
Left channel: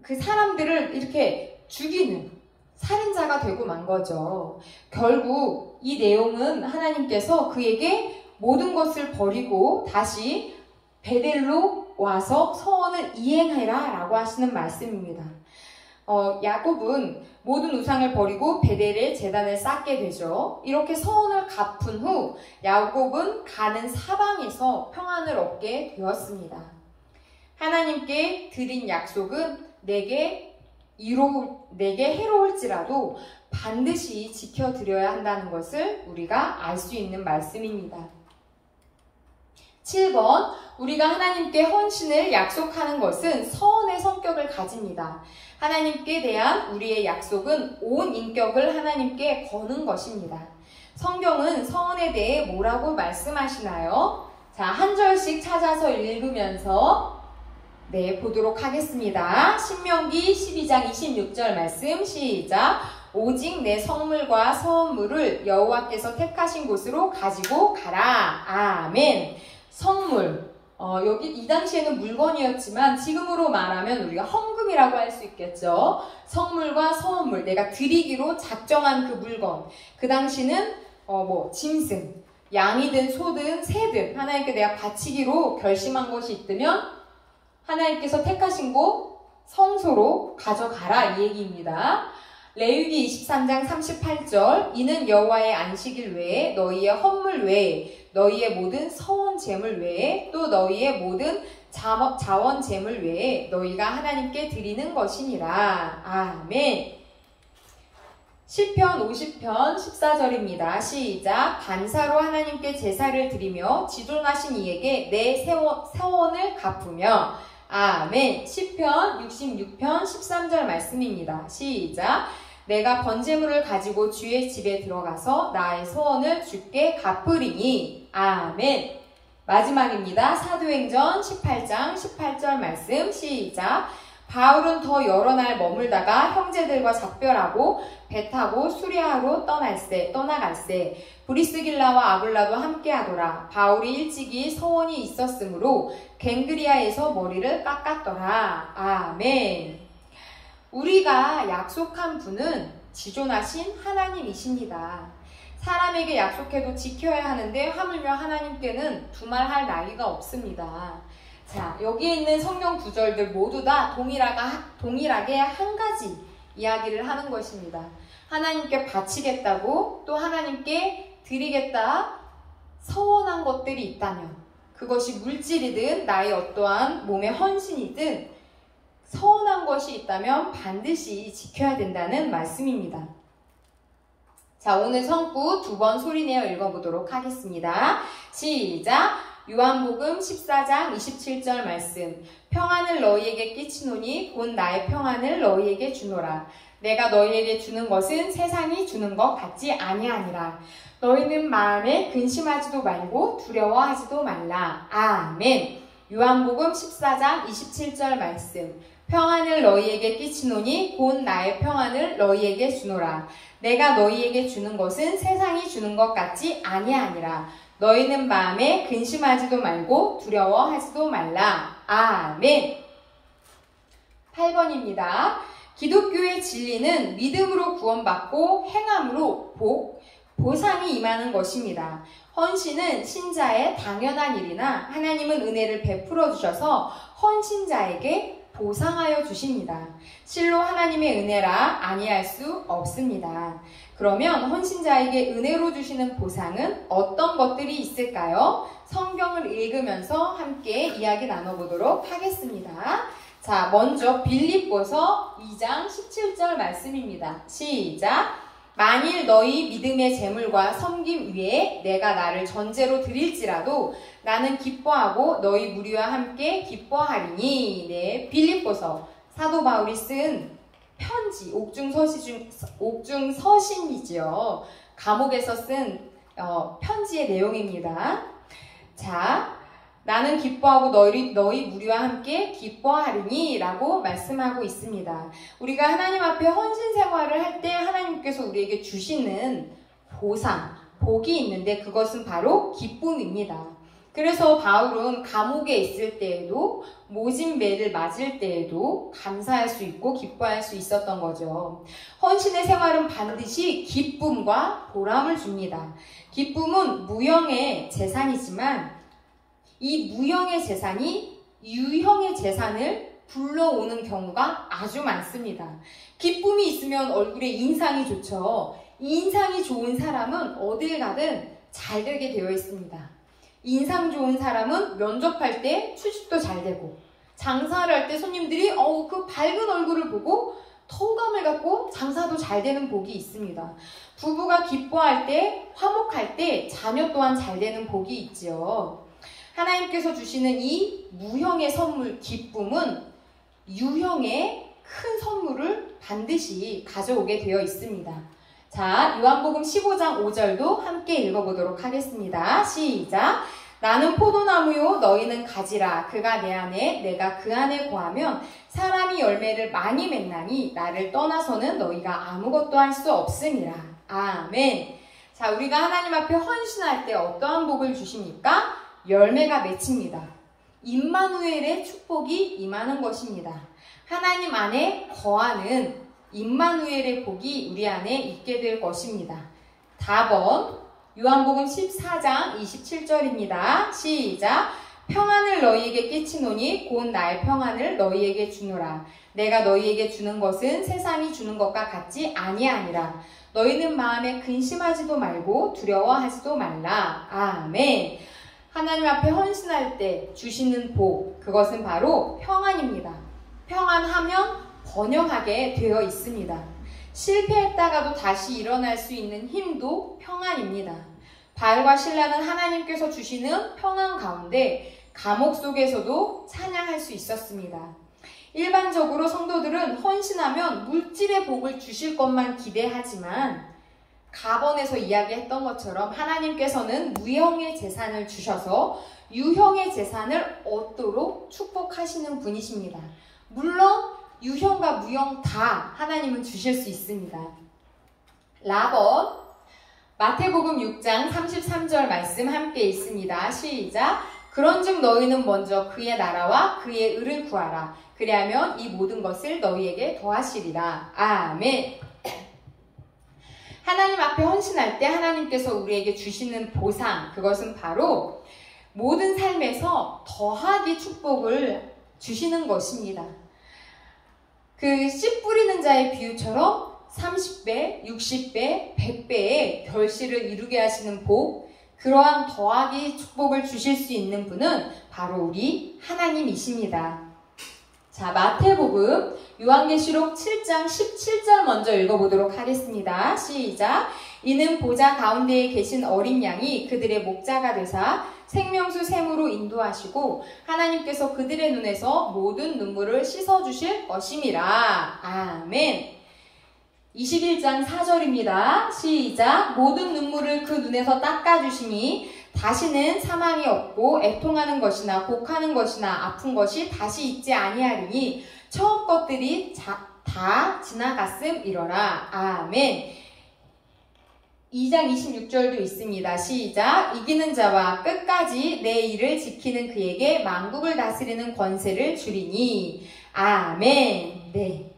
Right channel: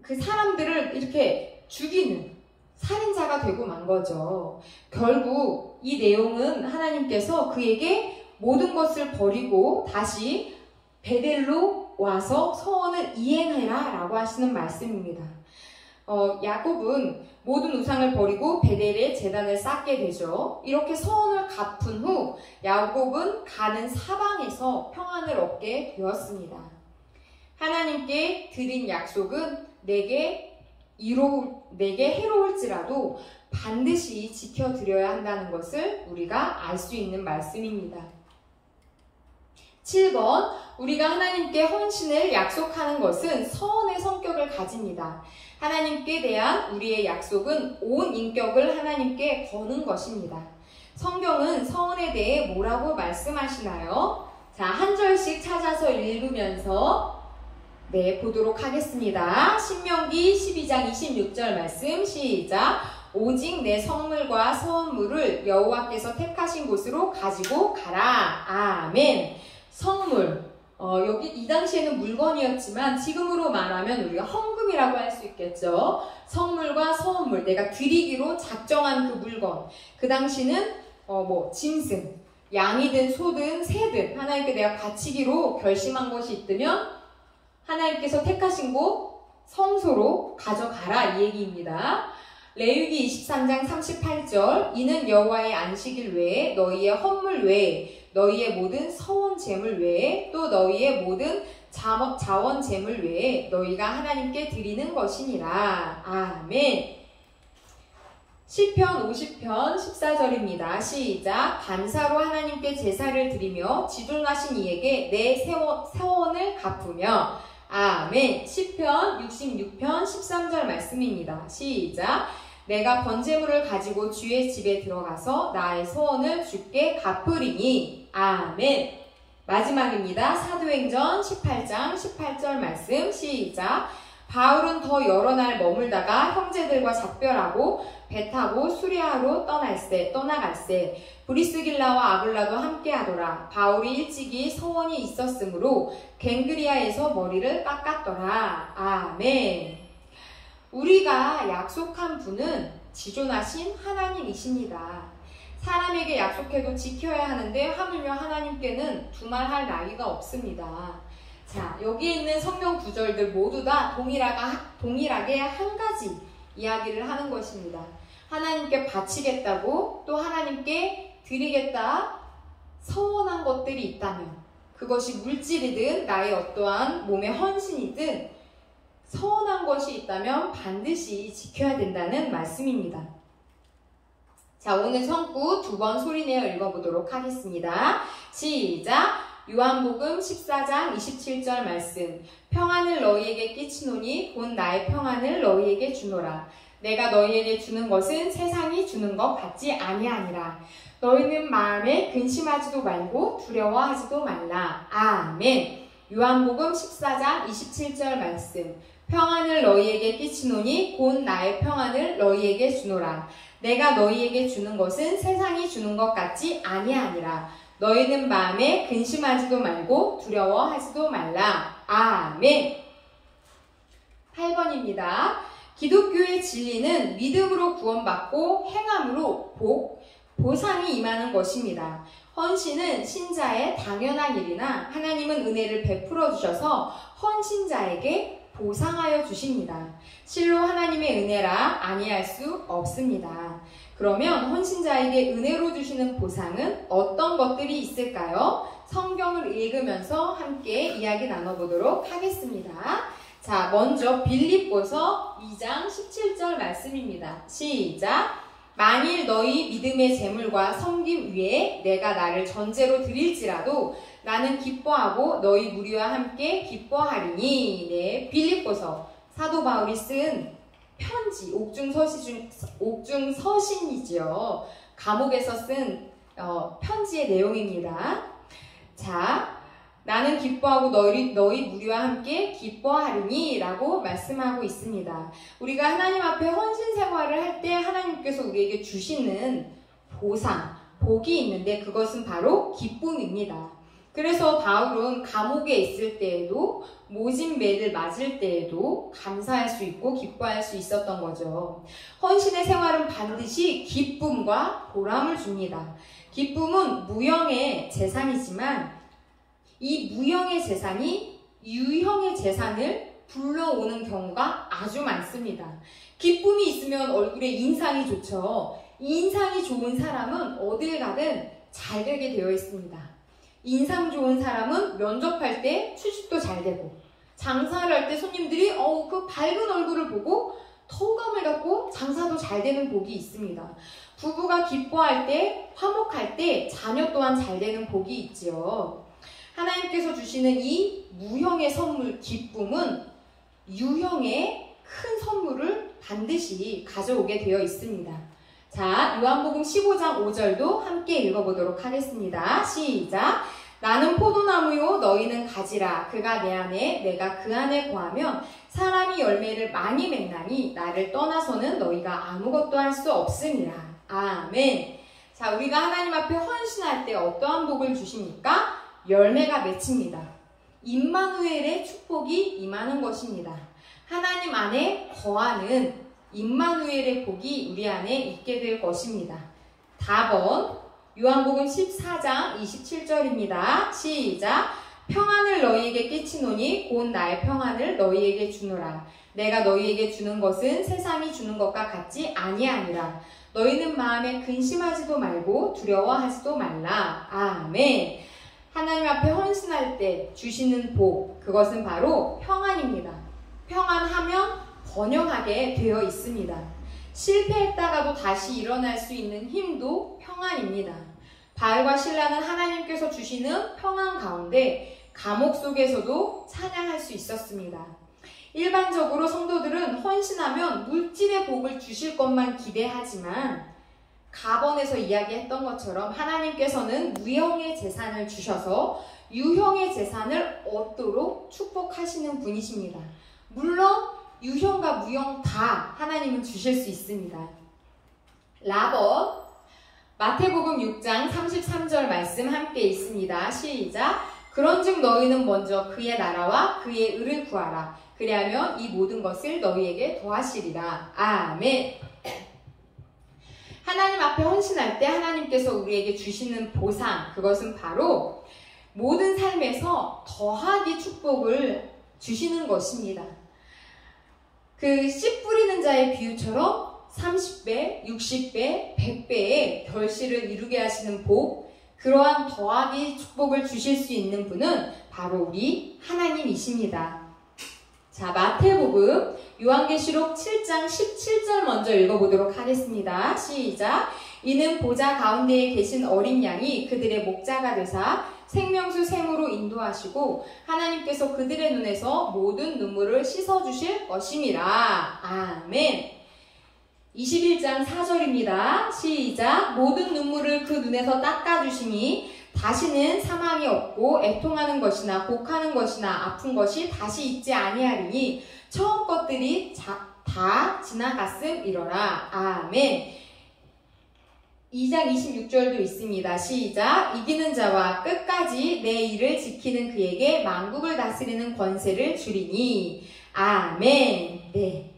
그 사람들을 이렇게 죽이는 살인자가 되고 만 거죠. 결국 이 내용은 하나님께서 그에게 모든 것을 버리고 다시 베델로 와서 서원을 이행해라 라고 하시는 말씀입니다. 야곱은 모든 우상을 버리고 베델에 제단을 쌓게 되죠. 이렇게 서원을 갚은 후 야곱은 가는 사방에서 평안을 얻게 되었습니다. 하나님께 드린 약속은 내게 해로울지라도 반드시 지켜드려야 한다는 것을 우리가 알 수 있는 말씀입니다. 7번, 우리가 하나님께 헌신을 약속하는 것은 서원의 성격을 가집니다. 하나님께 대한 우리의 약속은 온 인격을 하나님께 거는 것입니다. 성경은 서원에 대해 뭐라고 말씀하시나요? 자, 한 절씩 찾아서 읽으면서 보도록 하겠습니다. 신명기 12장 26절 말씀 시작! 오직 내 성물과 서원물을 여호와께서 택하신 곳으로 가지고 가라. 아멘. 성물, 여기 이 당시에는 물건이었지만 지금으로 말하면 우리가 헌금이라고 할 수 있겠죠. 성물과 서원물, 내가 드리기로 작정한 그 물건. 그 당시는 짐승, 양이든 소든 새든 하나님께 내가 바치기로 결심한 것이 있다면 하나님께서 택하신 곳 성소로 가져가라 이 얘기입니다. 레위기 23장 38절 이는 여호와의 안식일 외에 너희의 헌물 외에 너희의 모든 서원 제물 외에 또 너희의 모든 자원 제물 외에 너희가 하나님께 드리는 것이니라. 아멘. 시편 50편 14절입니다. 시작. 간사로 하나님께 제사를 드리며 지존하신 이에게 내 세원을 갚으며. 아멘. 시편 66편 13절 말씀입니다. 시작. 내가 번제물을 가지고 주의 집에 들어가서 나의 소원을 주께 갚으리니. 아멘. 마지막입니다. 사도행전 18장 18절 말씀. 시작. 바울은 더 여러 날 머물다가 형제들과 작별하고 배 타고 수리아로 떠나갈새 브리스길라와 아굴라도 함께하더라. 바울이 일찍이 소원이 있었으므로 갱그리아에서 머리를 깎았더라. 아멘. 우리가 약속한 분은 지존하신 하나님이십니다. 사람에게 약속해도 지켜야 하는데 하물며 하나님께는 두말할 나위가 없습니다. 자, 여기에 있는 성경 구절들 모두 다 동일하게 한 가지 이야기를 하는 것입니다. 하나님께 바치겠다고 또 하나님께 드리겠다 서원한 것들이 있다면 그것이 물질이든 나의 어떠한 몸의 헌신이든 서원한 것이 있다면 반드시 지켜야 된다는 말씀입니다. 자, 오늘 성구 두 번 소리내어 읽어보도록 하겠습니다. 시작! 요한복음 14장 27절 말씀. 평안을 너희에게 끼치노니 곧 나의 평안을 너희에게 주노라. 내가 너희에게 주는 것은 세상이 주는 것 같지 아니하니라. 너희는 마음에 근심하지도 말고 두려워하지도 말라. 아멘. 요한복음 14장 27절 말씀. 평안을 너희에게 끼치노니 곧 나의 평안을 너희에게 주노라. 내가 너희에게 주는 것은 세상이 주는 것 같지 아니하니라. 너희는 마음에 근심하지도 말고 두려워하지도 말라. 아멘. 8번입니다. 기독교의 진리는 믿음으로 구원받고 행함으로 보상이 임하는 것입니다. 헌신은 신자의 당연한 일이나 하나님은 은혜를 베풀어 주셔서 헌신자에게 보상하여 주십니다. 실로 하나님의 은혜라 아니할 수 없습니다. 그러면 헌신자에게 은혜로 주시는 보상은 어떤 것들이 있을까요? 성경을 읽으면서 함께 이야기 나눠보도록 하겠습니다. 자, 먼저 빌립보서 2장 17절 말씀입니다. 시작! 만일 너희 믿음의 제물과 섬김 위에 내가 나를 전제로 드릴지라도 나는 기뻐하고 너희 무리와 함께 기뻐하리니. 네, 빌립보서 사도 바울이 쓴 편지, 옥중서신이지요. 감옥에서 쓴 편지의 내용입니다. 자, 나는 기뻐하고 너희 무리와 함께 기뻐하리니 라고 말씀하고 있습니다. 우리가 하나님 앞에 헌신 생활을 할 때 하나님께서 우리에게 주시는 보상, 복이 있는데 그것은 바로 기쁨입니다. 그래서 바울은 감옥에 있을 때에도 모진매를 맞을 때에도 감사할 수 있고 기뻐할 수 있었던 거죠. 헌신의 생활은 반드시 기쁨과 보람을 줍니다. 기쁨은 무형의 재산이지만 이 무형의 재산이 유형의 재산을 불러오는 경우가 아주 많습니다. 기쁨이 있으면 얼굴에 인상이 좋죠. 인상이 좋은 사람은 어딜 가든 잘 되게 되어 있습니다. 인상 좋은 사람은 면접할 때 취직도 잘 되고 장사를 할 때 손님들이 그 밝은 얼굴을 보고 호감을 갖고 장사도 잘 되는 복이 있습니다. 부부가 기뻐할 때, 화목할 때 자녀 또한 잘 되는 복이 있지요. 하나님께서 주시는 이 무형의 선물, 기쁨은 유형의 큰 선물을 반드시 가져오게 되어 있습니다. 자, 요한복음 15장 5절도 함께 읽어보도록 하겠습니다. 시작! 나는 포도나무요 너희는 가지라. 그가 내 안에 내가 그 안에 거하면 사람이 열매를 많이 맺나니 나를 떠나서는 너희가 아무것도 할 수 없음이라. 아멘. 자, 우리가 하나님 앞에 헌신할 때 어떠한 복을 주십니까? 열매가 맺힙니다. 임마누엘의 축복이 임하는 것입니다. 하나님 안에 거하는 임마누엘의 복이 우리 안에 있게 될 것입니다. 답은 요한복음 14장 27절입니다. 시작! 평안을 너희에게 끼치노니 곧 나의 평안을 너희에게 주노라. 내가 너희에게 주는 것은 세상이 주는 것과 같지 아니하니라. 너희는 마음에 근심하지도 말고 두려워하지도 말라. 아멘. 하나님 앞에 헌신할 때 주시는 복, 그것은 바로 평안입니다. 평안하면 번영하게 되어 있습니다. 실패했다가도 다시 일어날 수 있는 힘도 평안입니다. 바울과 실라는 하나님께서 주시는 평안 가운데 감옥 속에서도 찬양할 수 있었습니다. 일반적으로 성도들은 헌신하면 물질의 복을 주실 것만 기대하지만 가번에서 이야기했던 것처럼 하나님께서는 무형의 재산을 주셔서 유형의 재산을 얻도록 축복하시는 분이십니다. 물론 유형과 무형 다 하나님은 주실 수 있습니다. 라번 마태복음 6장 33절 말씀 함께 있습니다. 시작. 그런즉 너희는 먼저 그의 나라와 그의 의를 구하라. 그리하면 이 모든 것을 너희에게 더하시리라. 아멘. 하나님 앞에 헌신할 때 하나님께서 우리에게 주시는 보상, 그것은 바로 모든 삶에서 더하기 축복을 주시는 것입니다. 그 씨 뿌리는 자의 비유처럼 30배, 60배, 100배의 결실을 이루게 하시는 복, 그러한 더하기 축복을 주실 수 있는 분은 바로 우리 하나님이십니다. 자, 마태복음 요한계시록 7장 17절 먼저 읽어보도록 하겠습니다. 시작. 이는 보좌 가운데에 계신 어린 양이 그들의 목자가 되사 생명수 샘으로 인도하시고 하나님께서 그들의 눈에서 모든 눈물을 씻어주실 것임이라. 아멘. 21장 4절입니다. 시작. 모든 눈물을 그 눈에서 닦아주시니 다시는 사망이 없고 애통하는 것이나 곡하는 것이나 아픈 것이 다시 있지 아니하리니 처음 것들이 다 지나갔음이로라. 아멘. 2장 26절도 있습니다. 시작. 이기는 자와 끝까지 내 일을 지키는 그에게 만국을 다스리는 권세를 주리니. 아멘. 네.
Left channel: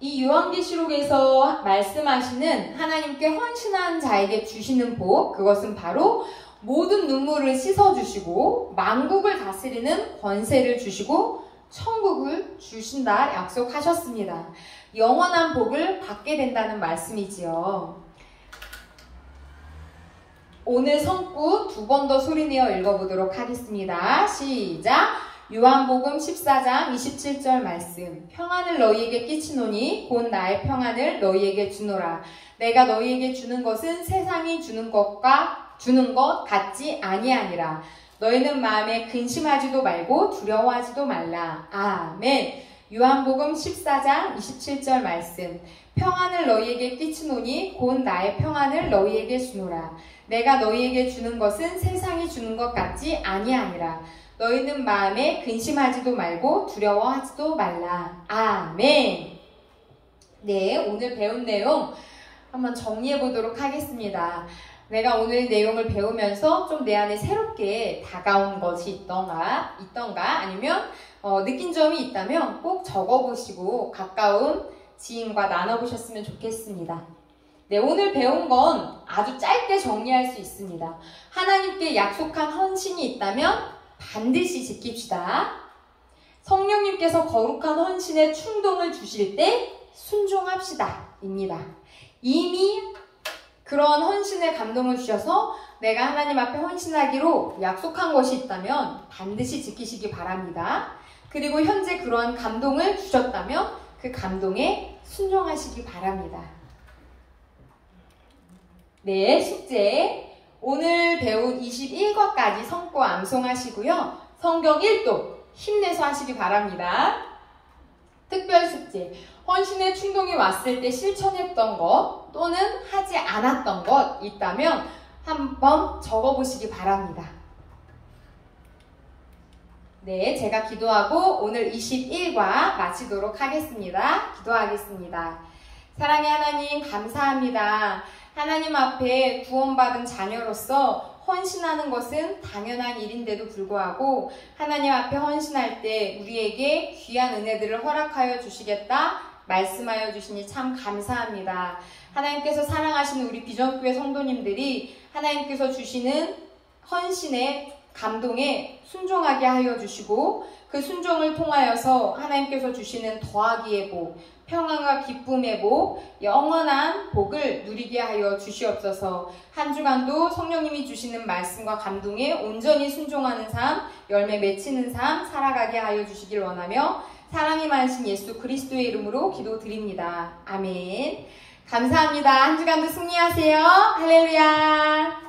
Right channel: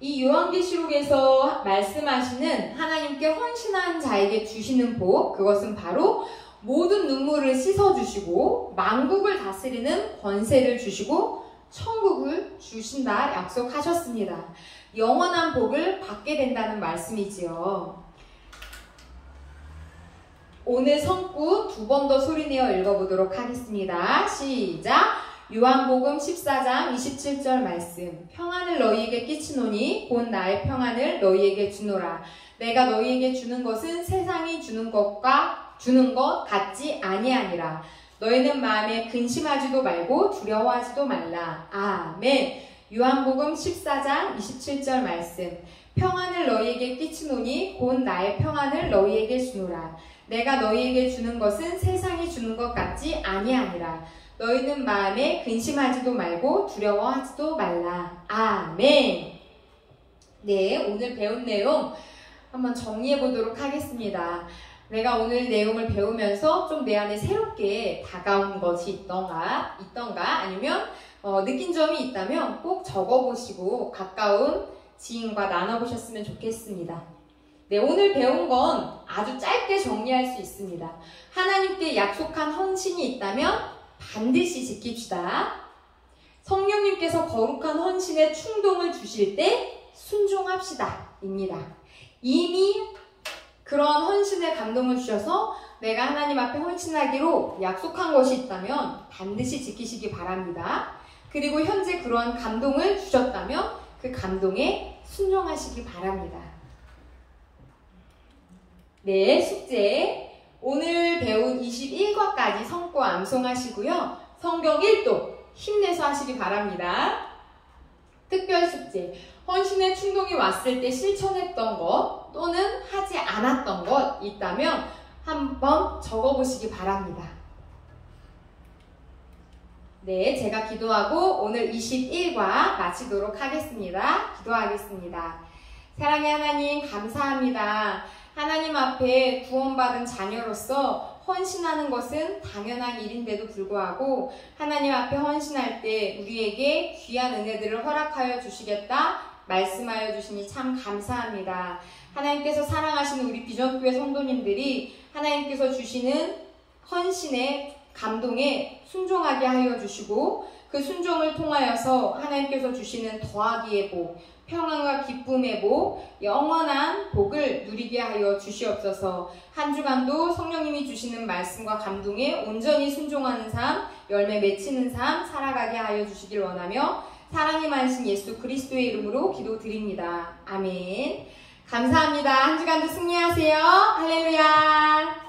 이 요한계시록에서 말씀하시는 하나님께 헌신한 자에게 주시는 복, 그것은 바로 모든 눈물을 씻어주시고 만국을 다스리는 권세를 주시고 천국을 주신다 약속하셨습니다. 영원한 복을 받게 된다는 말씀이지요. 오늘 성구 두 번 더 소리내어 읽어보도록 하겠습니다. 시작. 요한복음 14장 27절 말씀. 평안을 너희에게 끼치노니 곧 나의 평안을 너희에게 주노라. 내가 너희에게 주는 것은 세상이 주는 것 같지 아니하니라. 너희는 마음에 근심하지도 말고 두려워하지도 말라. 아멘. 요한복음 14장 27절 말씀. 평안을 너희에게 끼치노니 곧 나의 평안을 너희에게 주노라. 내가 너희에게 주는 것은 세상이 주는 것 같지 아니하니라. 너희는 마음에 근심하지도 말고 두려워하지도 말라. 아멘. 네, 오늘 배운 내용 한번 정리해 보도록 하겠습니다. 내가 오늘 내용을 배우면서 좀 내 안에 새롭게 다가온 것이 있던가 아니면 느낀 점이 있다면 꼭 적어보시고 가까운 지인과 나눠보셨으면 좋겠습니다. 네, 오늘 배운 건 아주 짧게 정리할 수 있습니다. 하나님께 약속한 헌신이 있다면 반드시 지킵시다. 성령님께서 거룩한 헌신에 충동을 주실 때 순종합시다 입니다. 이미 그런 헌신에 감동을 주셔서 내가 하나님 앞에 헌신하기로 약속한 것이 있다면 반드시 지키시기 바랍니다. 그리고 현재 그러한 감동을 주셨다면 그 감동에 순종하시기 바랍니다. 네, 숙제. 오늘 배운 21과까지 성구 암송하시고요. 성경 1도 힘내서 하시기 바랍니다. 특별 숙제. 헌신의 충동이 왔을 때 실천했던 것 또는 하지 않았던 것 있다면 한번 적어보시기 바랍니다. 네, 제가 기도하고 오늘 21과 마치도록 하겠습니다. 기도하겠습니다. 사랑의 하나님, 감사합니다. 하나님 앞에 구원받은 자녀로서 헌신하는 것은 당연한 일인데도 불구하고 하나님 앞에 헌신할 때 우리에게 귀한 은혜들을 허락하여 주시겠다 말씀하여 주시니 참 감사합니다. 하나님께서 사랑하시는 우리 비전교회 성도님들이 하나님께서 주시는 헌신의 감동에 순종하게 하여 주시고 그 순종을 통하여서 하나님께서 주시는 더하기의 복, 평안과 기쁨의 복, 영원한 복을 누리게 하여 주시옵소서. 한 주간도 성령님이 주시는 말씀과 감동에 온전히 순종하는 삶, 열매 맺히는 삶 살아가게 하여 주시길 원하며 사랑이 많으신 예수 그리스도의 이름으로 기도드립니다. 아멘. 감사합니다. 한 주간도 승리하세요. 할렐루야.